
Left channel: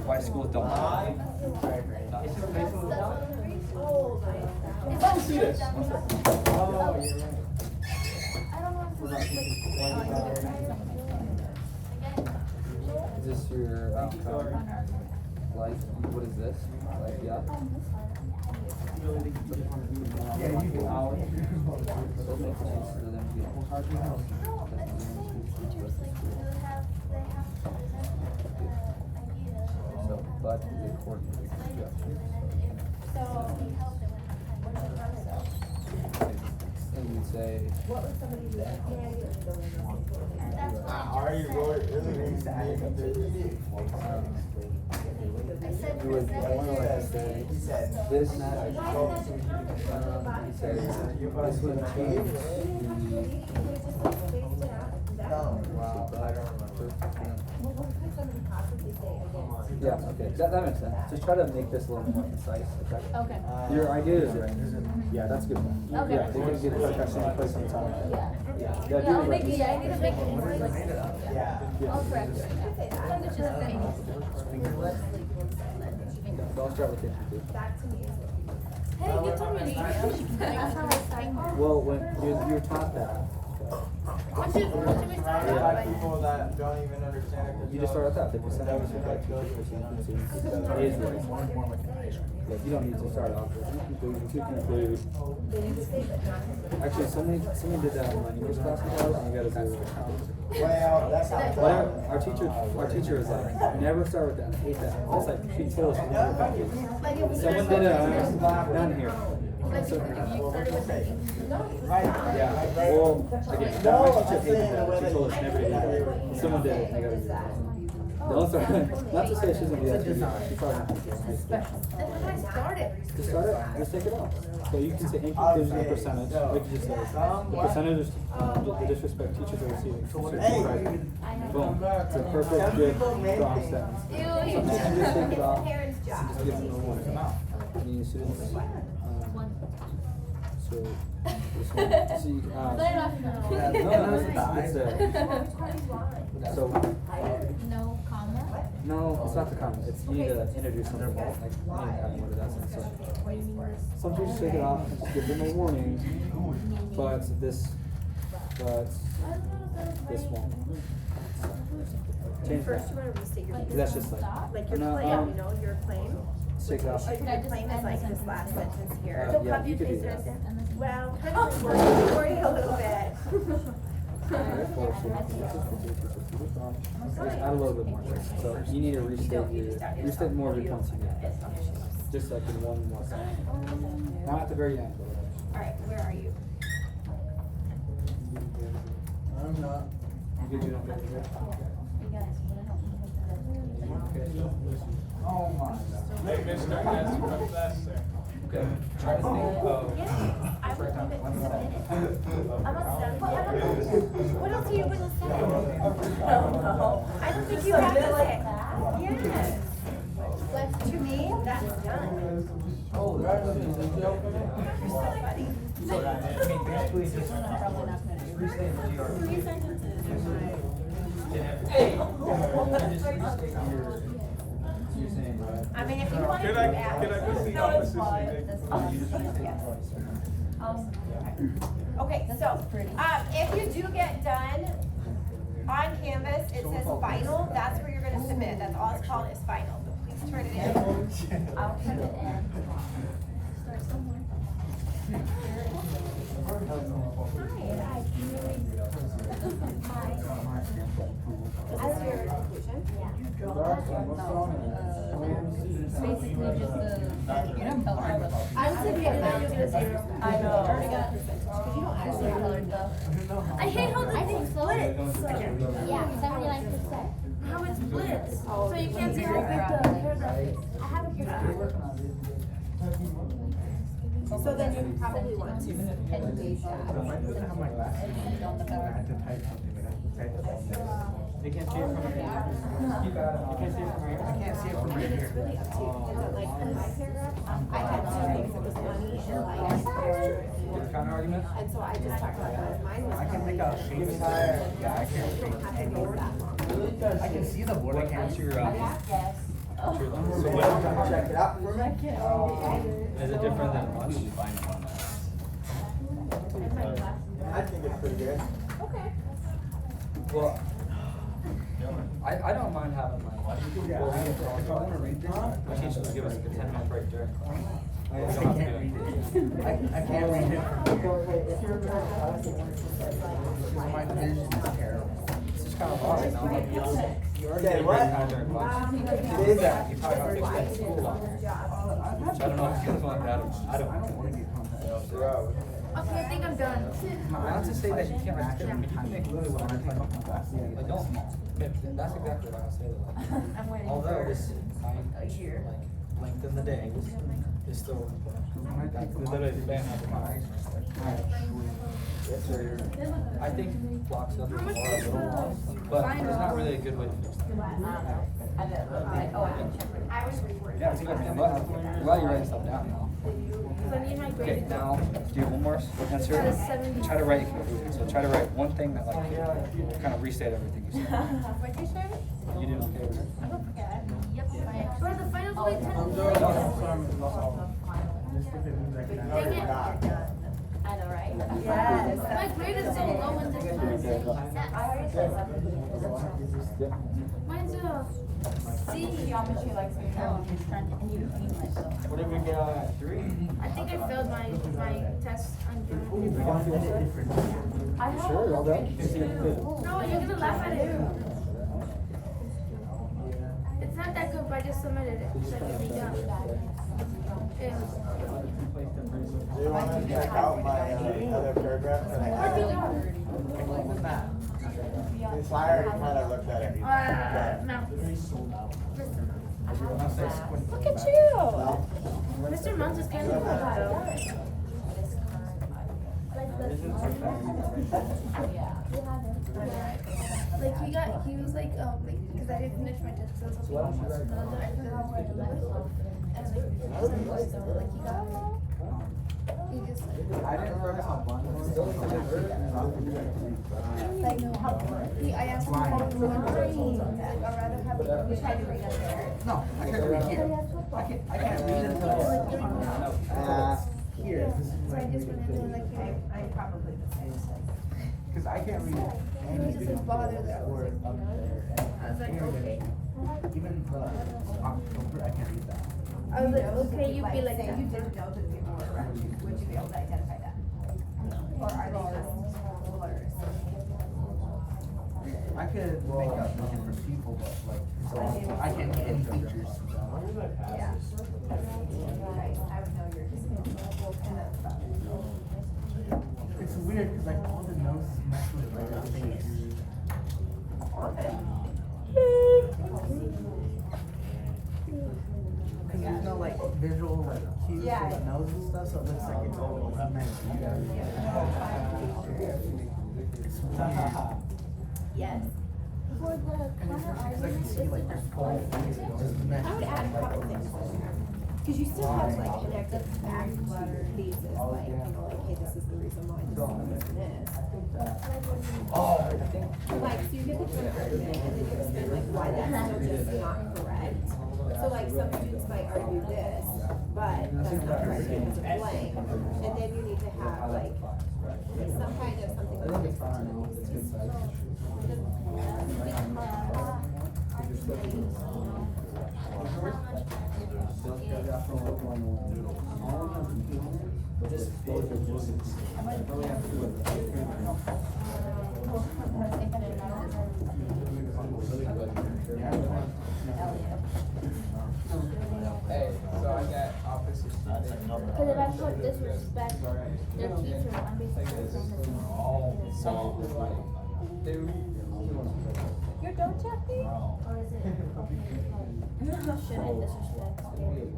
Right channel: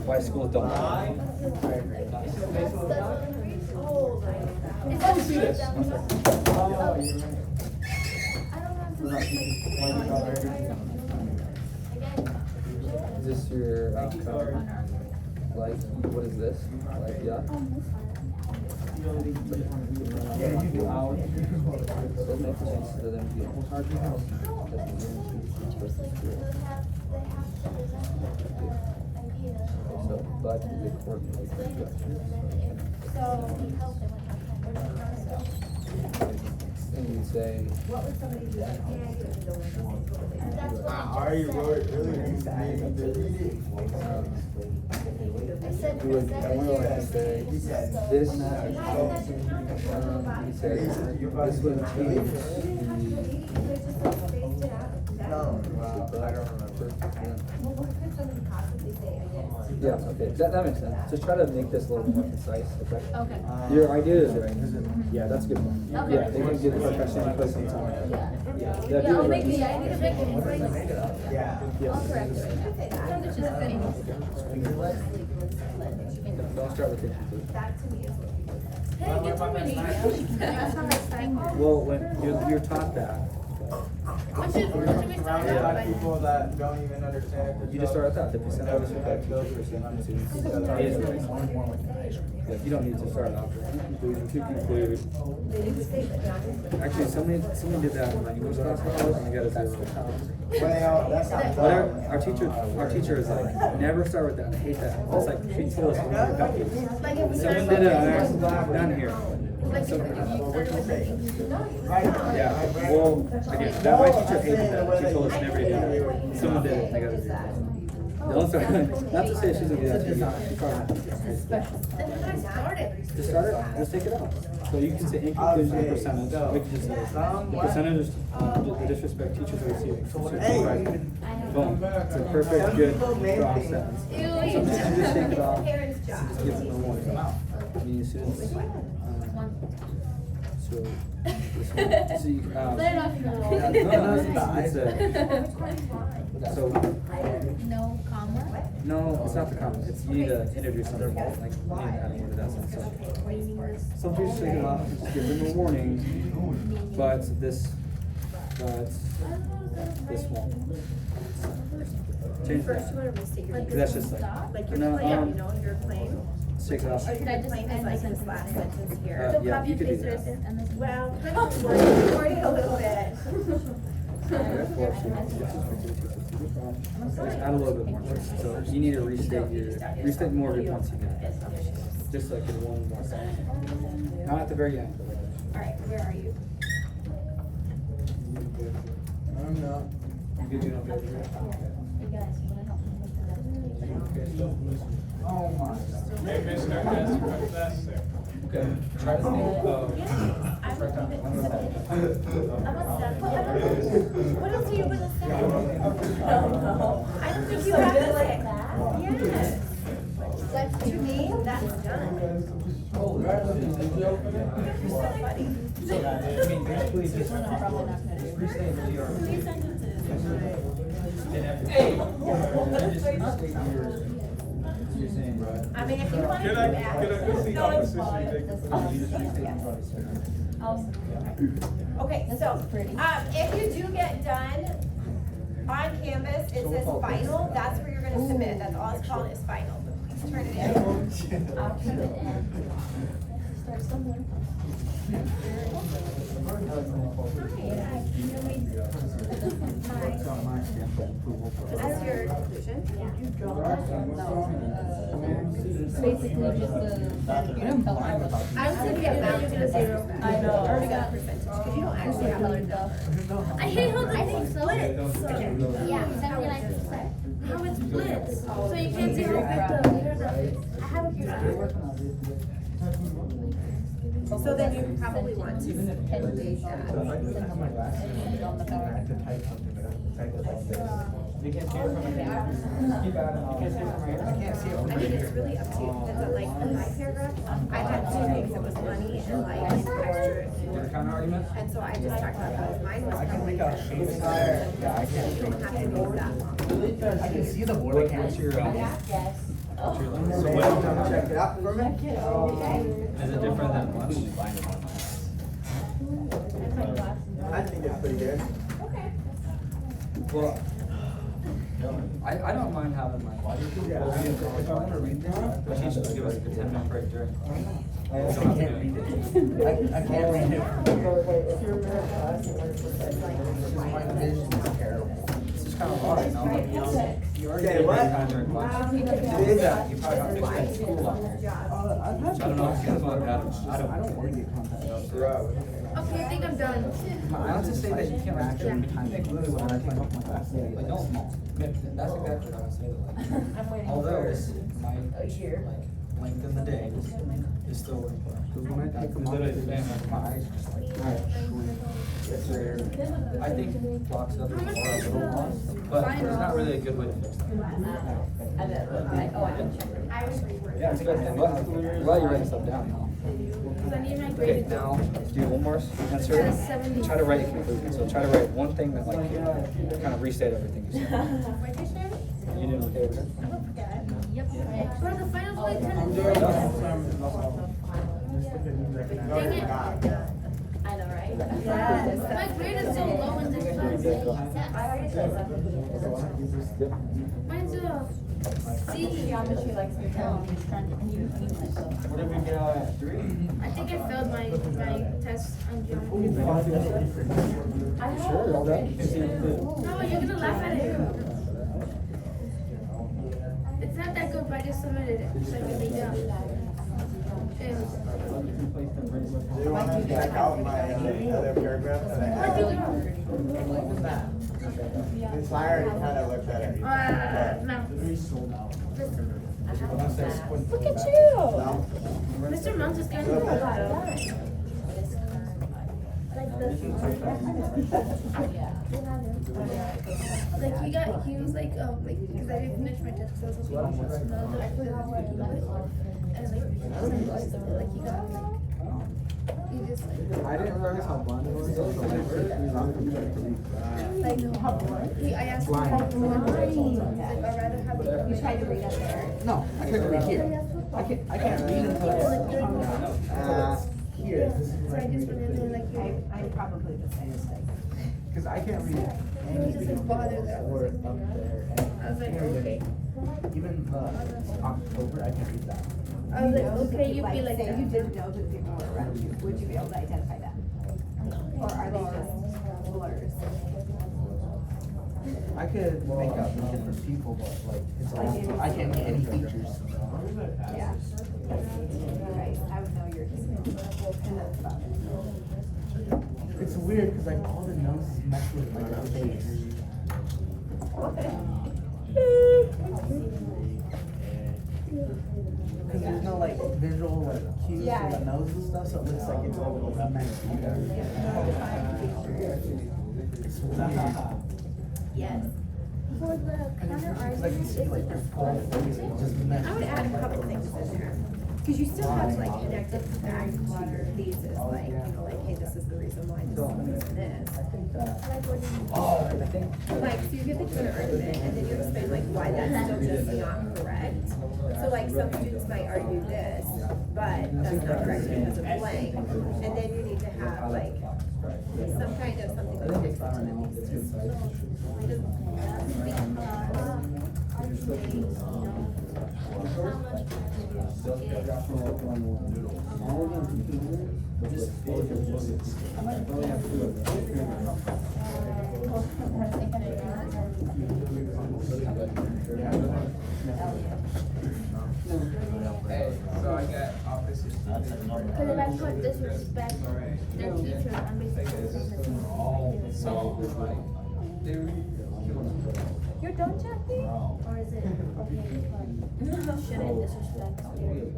why schools don't get out? Let's do this. One second. Is this your, like, what is this? Like, yeah. So it makes sense to them so, but the coordinate. And you say. What would somebody do? Are you really you would like to say this, he said this would change yeah, okay, that makes sense. Just try to make this a little more concise, okay? Okay. Your idea is right. Yeah, that's good. Okay. Yeah, they can get the question place in time. Yeah. Yeah, Yeah, I'll make it, yeah, I need to make it. I'll correct it. It's just getting. Don't start with it. Hey, get too many. That's how I find it. Well, when you're taught that, What should we start a out lot with? of people that don't even understand it. you just start with that. 50% of us are teachers, 50% students. Like, you don't need to start off with conclusion to conclude. Actually, somebody did that in my English class and you got a 0. Well, that's not. Whatever, our teacher is like, never start with that. I hate that. It's like she told us to never copy it. Like if we Someone did it down here. like So, if you started with the yeah, well, again, that, my teacher hated that. She told us never to do that. Someone did it and they got a 0. Don't start, not to say she's gonna do that to you. She's probably not. then when I started. Just start it, just take it out. So you can say in conclusion, the percentage, we can just say, the percentage of the disrespect teachers are receiving. Boom, it's a perfect, good, strong sentence. Sometimes you just take it off, just give them a warning. I mean, students, so, this one, so you, so, No comma? no, it's not the comment, it's you need to introduce something, like, you need to kind of word it out, so. Some teachers take it off, just give them a warning, but this won't. Change First, you that, want to restate your. because that's just like, Like your no, claim, you know, your claim. take it off. Or your claim is like this last sentence here. Yeah, you could do that. Well, kind of worded a little bit. Add a little bit more. So you need to restate more of your points you get. Just like in one more sentence. Not at the very end, but. Alright, where are you? I'm not. You can do it on the other here. Maybe start asking from class, sir. Okay. Try to think of. What else are you gonna say? I don't think you have to say. Yes. That's to me, that's done. I mean, if you want to Can I do that. go see opposition? Okay, so, if you do get done on Canvas, it says final, that's where you're gonna submit, that's all it's called is final. Please turn it in. I'll turn it in. Start somewhere. This is your conclusion? Basically just I was gonna get back to a zero. I know. Already got a percentage, because you don't actually have a good number. I hate how I think so. Yeah, 79%. how it splits, so you can't say how big the paragraph is. I have a graph. So then you probably want to update that. They can't see it from here. Keep at it. You can't see it from here. I can't see it from I mean, here. it's really up to you, depends on like, in my paragraph, I had two things, it was money and like extra. Your counter argument? And so I just talked about those, mine was probably. You don't have to use that long. I can see the board. I can't What's see your, what's your limit? So what, Check it out for a minute. is it different than once you find one? I think it's pretty good. Well, I don't mind having my logic. If I'm gonna read this, But she should give us like a 10-minute break there. I can't read it. I can't read it. My vision is terrible. This is kind of hard, you know? You already Okay, did a what? great contract once. What is that? You talked about fixing the school up here. I've had So I don't know if it's like that. I don't wanna get contacted. Okay, I think I'm done. Not to say that you can't Actually, restrict time when I take off my glasses, Like, like don't, small. that's exactly what I was saying. Although this, my, like, length of the day is still working. Cause when I take them off, Literally, they just, my eyes just like shrink. Yes, sir. I think blocks up, but there's not really a good way to fix it. Yeah, it's good. And look, while you're writing stuff down now. Cause I need my Okay, grade. now, do one more insert. Try to write a conclusion. So try to write one thing that like kind of restate everything you said. What'd you say? You didn't okay with it? Bro, the finals only 10 minutes. Dang it. I know, right? My grade is so low in this class. Mine's a C. What if we get out at 3? I think I failed my test on geometry. Sure, well, that, you can see it too. No, you're gonna laugh at it. It's not that good, but I just submitted it, so it can be done. Do you want to back out my other paragraph that I have? This iron kind of looked at it. No. Look at you! Mr. Mount is kind of cool. Like he was like, because I didn't finish my test, so I was hoping he know that I could do it. And like, he got he just like, I didn't realize how blind it was. I know. I asked him like, I'd rather have you try to read it there. No, I couldn't read here. I can't read until Like, during the here. so I just went in there like, Cause I can't read he was just like bothered that. I was like, okay. even October. I can't read that. I was like, okay, you be like that. Would you be able to identify that? Or are they just blurs? I could make out different people, but like it's all, I can't make any features. Yeah. I would know you're just and that's about it. It's weird because like all the noses match with my face. Because there's no like visual like cues for the nose and stuff, so it looks like it's all like matched with everything. It's weird. Yes. Because I can see like their full face just match. I would add a couple things in there. Cause you still have to like connect it back to your thesis, like, you know, like, hey, this is the reason why this is this. Like, so you get the kindergarten and then you explain like why that's still just not correct. So like some students might argue this, but that's not correct because of blank. And then you need to have like some kind of something that fixes it to the thesis. put disrespect their teachers, I'm basically You're done, Jackie? Or is it okay if shouldn't disrespect their teachers?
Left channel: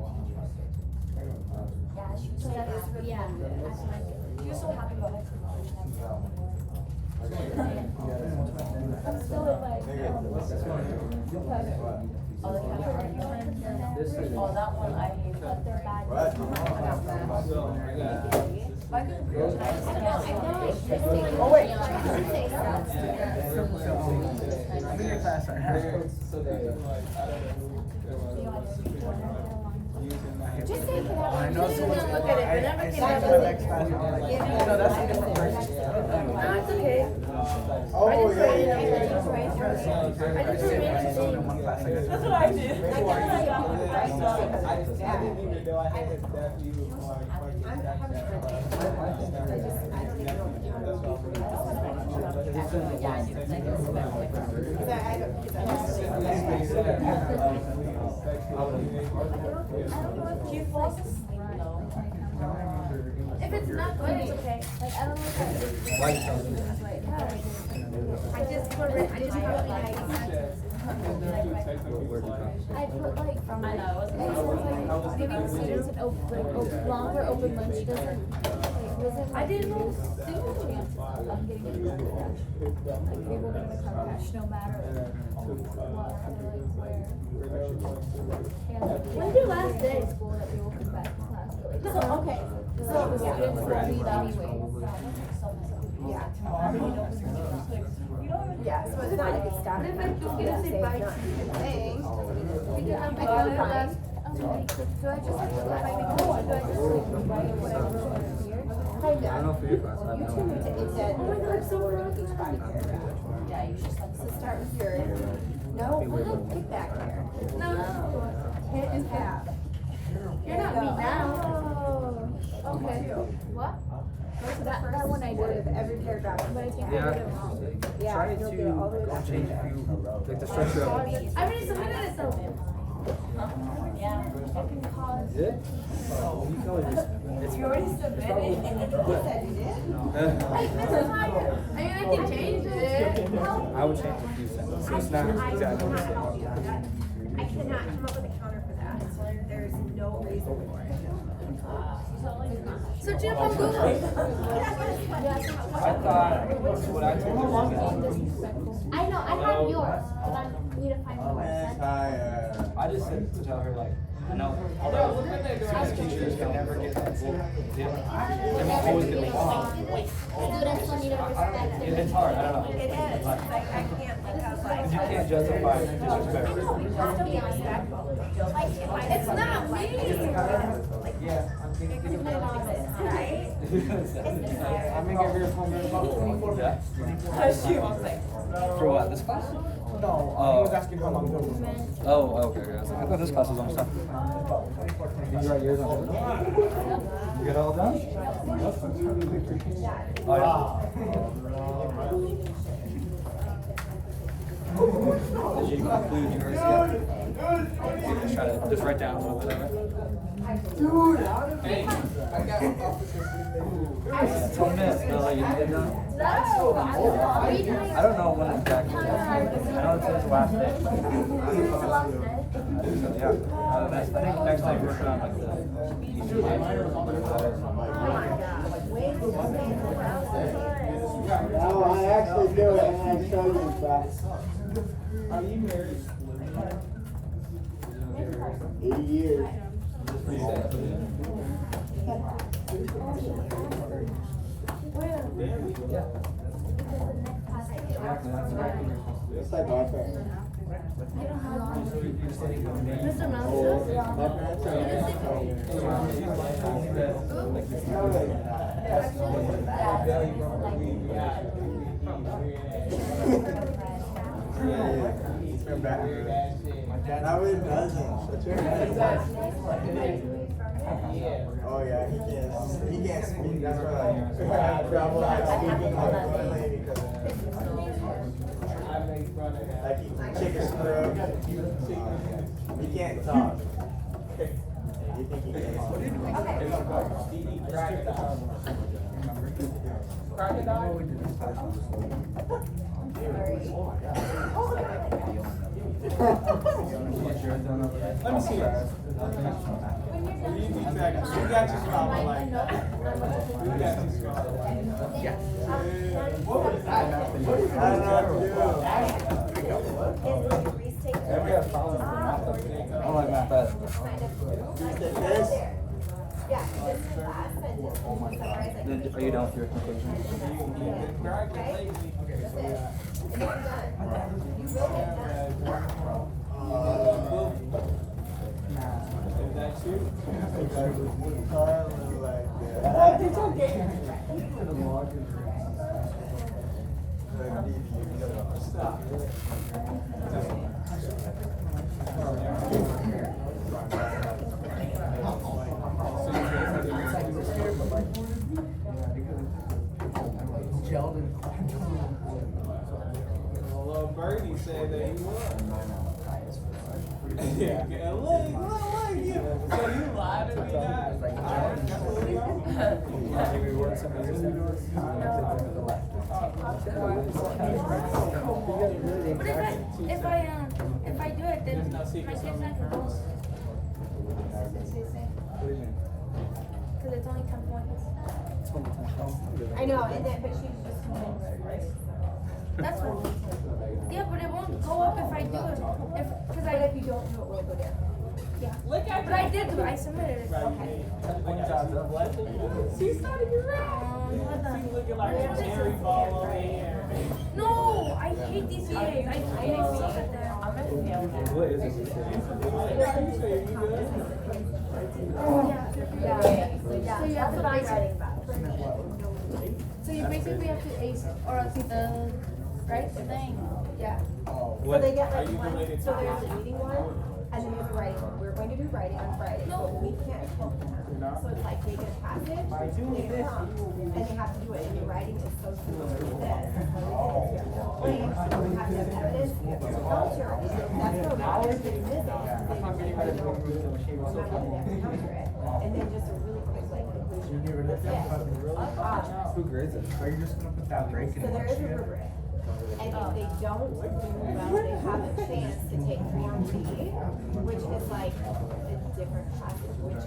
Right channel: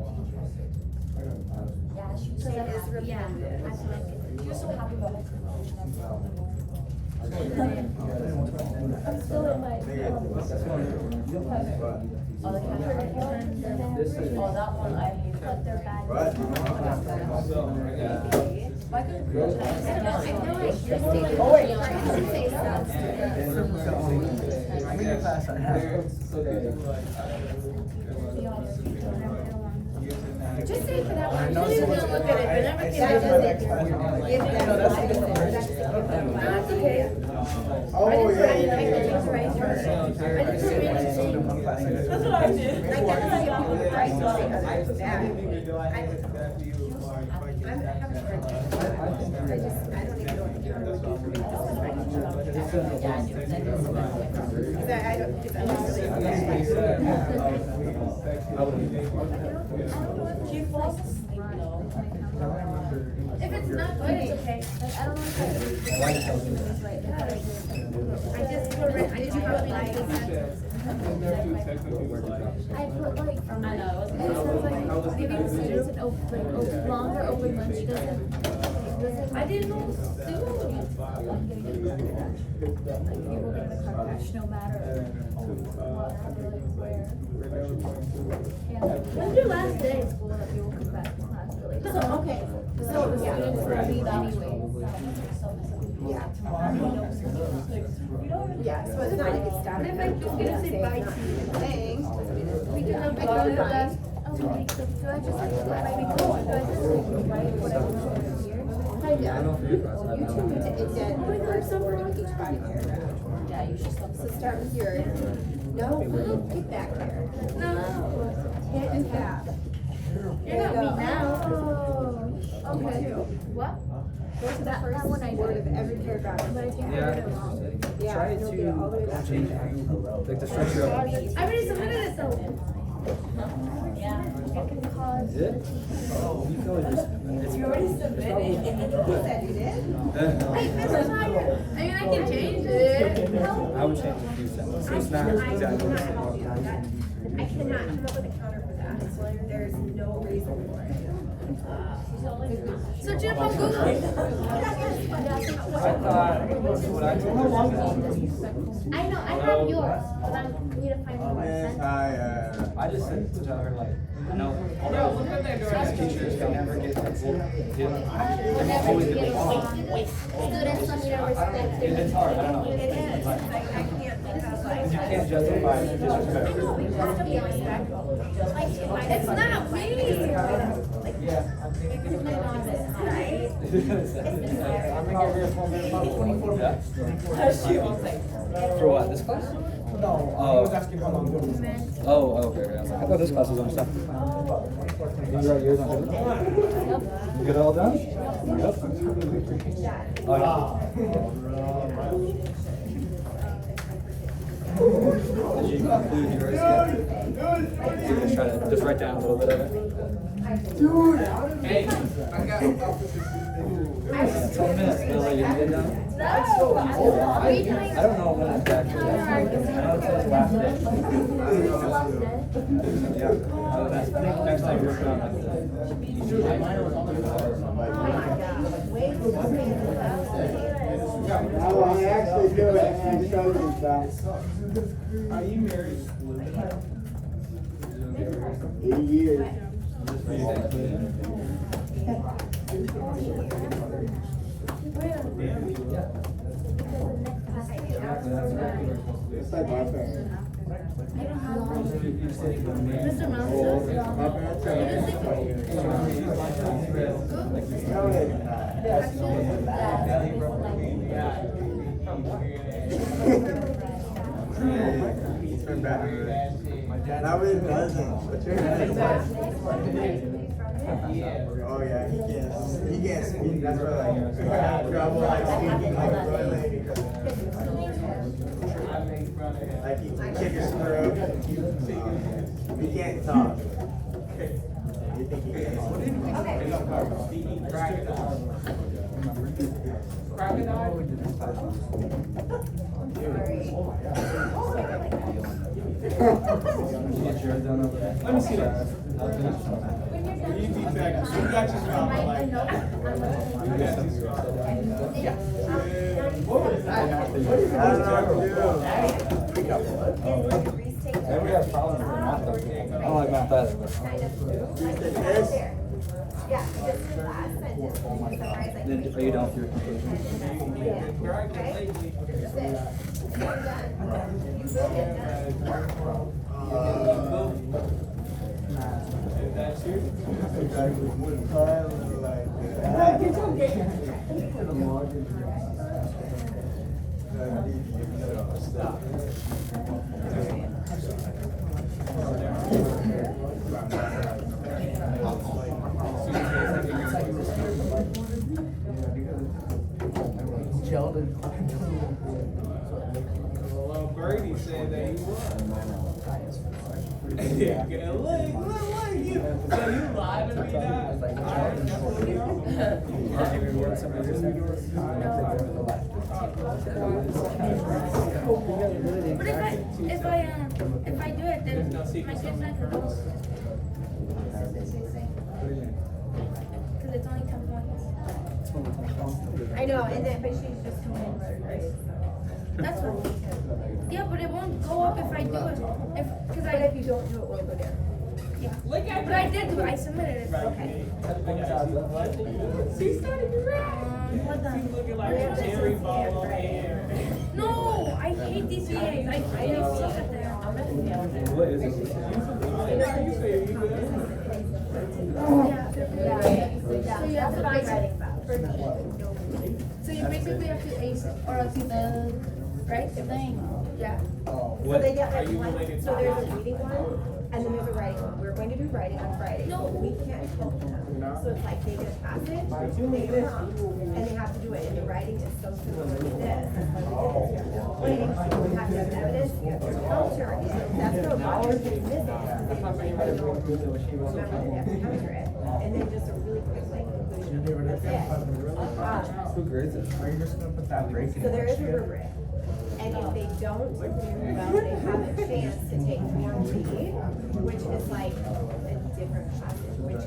Yeah, You're so happy about it. I'm still in my. This is. Oh, that one, I hate. But they're bad. Oh, wait, I'm in your class right now. Just say for that I one. know You someone's don't look at it, but never I think see about it for the it. next class, and I'm like, no, that's a different person. No, it's okay. Oh, I just yeah, put it in yeah, there, yeah. it's right here. I just put it in Someone in one class, I guess. That's what I did. I never see people with ice because it's bad. I'm having a hard time. I don't even know what the counter would be for me. Because I don't, because I'm just If it's not good, it's okay. Like, I don't know if I just put it, I just put my. I put like, I know, it sounds like giving students an open, longer open lunch doesn't, I didn't know, I'm getting like, people get the car crash no matter what, like, where. When's your last day of school that people come back to class? So, okay, so the students that leave anyway. Yeah. Yeah, so it's not like it's down. But if I don't get to say bye to you, Thanks. because I'm like, oh, fine. Do I just have to let my week go, or do I just like, buy whatever? I don't know for your class, I have no idea. It said, Oh my God, so wrong. each body paragraph. Yeah, you should, so start with your, no, well, get back there. No. Hit and tab. You're not me now. Oh, okay. What? Go to the That first one I did. word of every paragraph. But I think I Yeah, did it wrong. Yeah, try you'll get it all the way back. to change it, like the structure of. I already submitted it, so. It can cause. Is it? You can always just. It's You already submitted. You said you did? Hey, this is not here. I mean, I can change it. I would change a few sentences, so it's not exactly the same. I cannot come up with a counter for that, so there's no reason for it. Search it up on Google. I know, I have yours, but I need to find one Yes, myself. hi, I just said to tell her like, no. Some teachers can never get the full. I'm always gonna be wrong. Students don't need to respect it. It's hard, I don't know. It is, like, I can't have like. You can't justify the disrespect. Still be respectful. Like, if I- It's not me. Yeah. It's my office, right? She won't say. For what, this class? No, I was asking how long it was. Oh, okay, I was like, I thought this class was almost done. Did you write yours on paper? You get it all done? Yep. Did you include yours yet? Just write down a little bit of it. Hey, I got. 2 minutes, Bella, you did that? I don't know when exactly. I don't know if it's last day. Yeah, that's, I think next time we'll put on like No, I actually do it and I show you some. Are you married? 80 years. It's like my parents. Mr. Mouse. My parents are. That way it doesn't. But you're right. Oh yeah, he can't speak. That's why I have trouble speaking like fluently because like he chicken screw. He can't talk. You think he can? Let me see that. You got your spot, I like that. You got your spot. I don't know Then we have problems with math though. I don't like math either. Yeah, just last sentence, summarize like. Then are you done with your conclusion? Okay? That's it. And you're done. You will get done. Is that you? Well, Bernie said that he was. Yeah, look, you. So you lied to me now? But if I do it, then my kid's not gonna go. What do you mean? Because it's only 10 points. I know, and then, but she's just. That's what. Yeah, but it won't go up if I do it. Because But if you don't do it, we'll go down. Yeah. But I did do it. I submitted it. Okay. What the? No, I hate these VAs. I hate suck at them. What is it? Yeah, that's what I'm writing about. So you basically have to ace it, or else the right thing. Yeah. So they get like one, so there's a reading one, and then there's a writing one. We're going to do writing on Friday. No. We can't help them. So it's like they get a passage, they get a prompt, and they have to do it. And the writing is so similar to this. Claim, you have to have evidence, you have to counter. That's the wrong thing is missing. Remember, they have to counter it. And then just a really quick like conclusion. That's it. Who grades it? Are you just gonna put that grade? So there is a rubric. And if they don't, they have a chance to take 4G, which is like a different passage, which is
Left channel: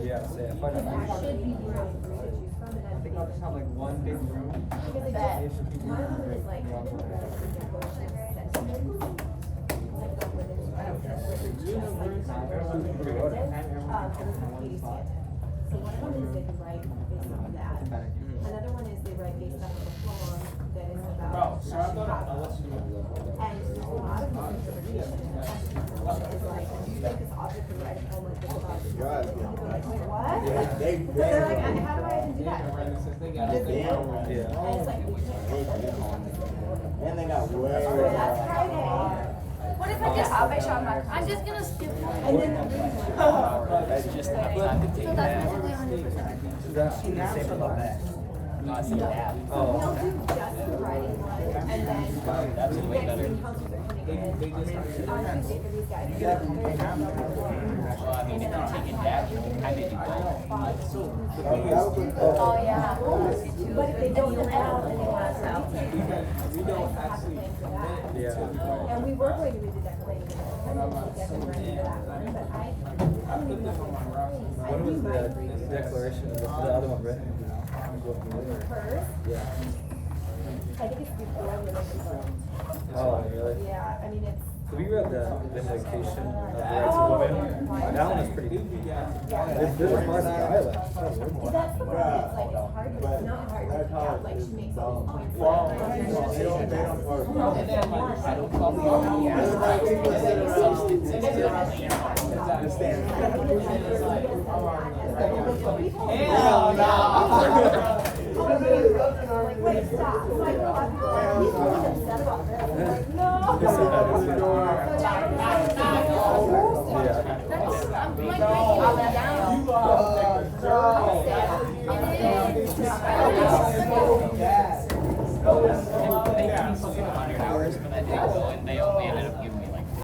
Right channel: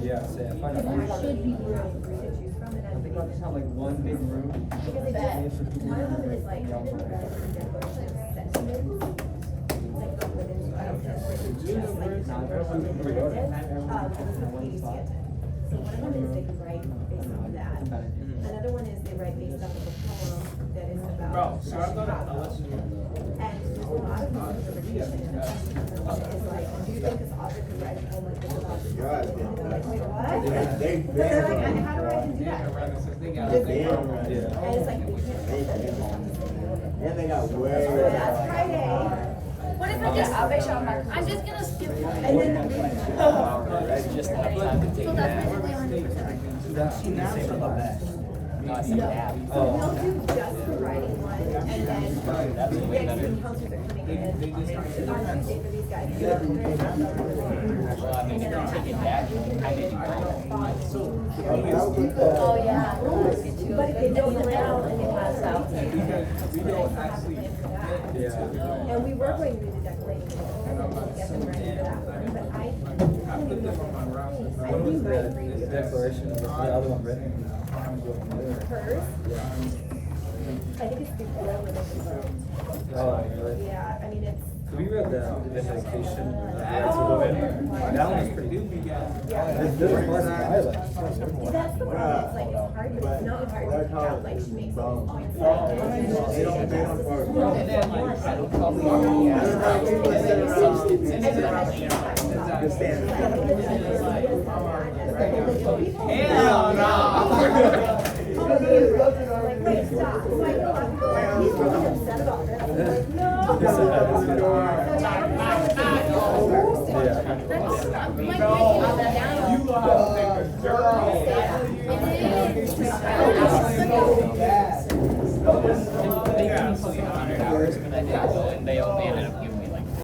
Yeah, say it. should be to choose from and then Not like one big room. because it just, one of them is like sentiments. So one of them is they can write based on that. Another one is they write based off of a poem that is about. Bro, so I'm gonna, I'll let you know. And there's a lot of misinterpretation and the question is like, do you think this author could write a poem like this about this? And they're like, wait, what? They're like, how do I even do that? Yeah. And it's like, we can't. And they got way. So that's Friday. What if I just? I'm just gonna skip one. And then the reading. So that's basically 100%. That's the same about that. We'll do just the writing one, and then next week counselors are coming in. On Tuesday for these guys. And then on Oh yeah. but if they don't allow, then it has out. We don't actually. Yeah. And we were going to read the declaration. I put them on my roster. When was the declaration of the other one written? Hers, Yeah. I think it's before the. Oh, really? Yeah, I mean, it's. We read the Vindication of the Rights of Women. That one was pretty good. This was worse than really. That's the one that's like, it's hard, but it's not hard to count, like she makes all these points. They don't work. And then like, hell no. Wait, stop. He's looking himself up. They ended up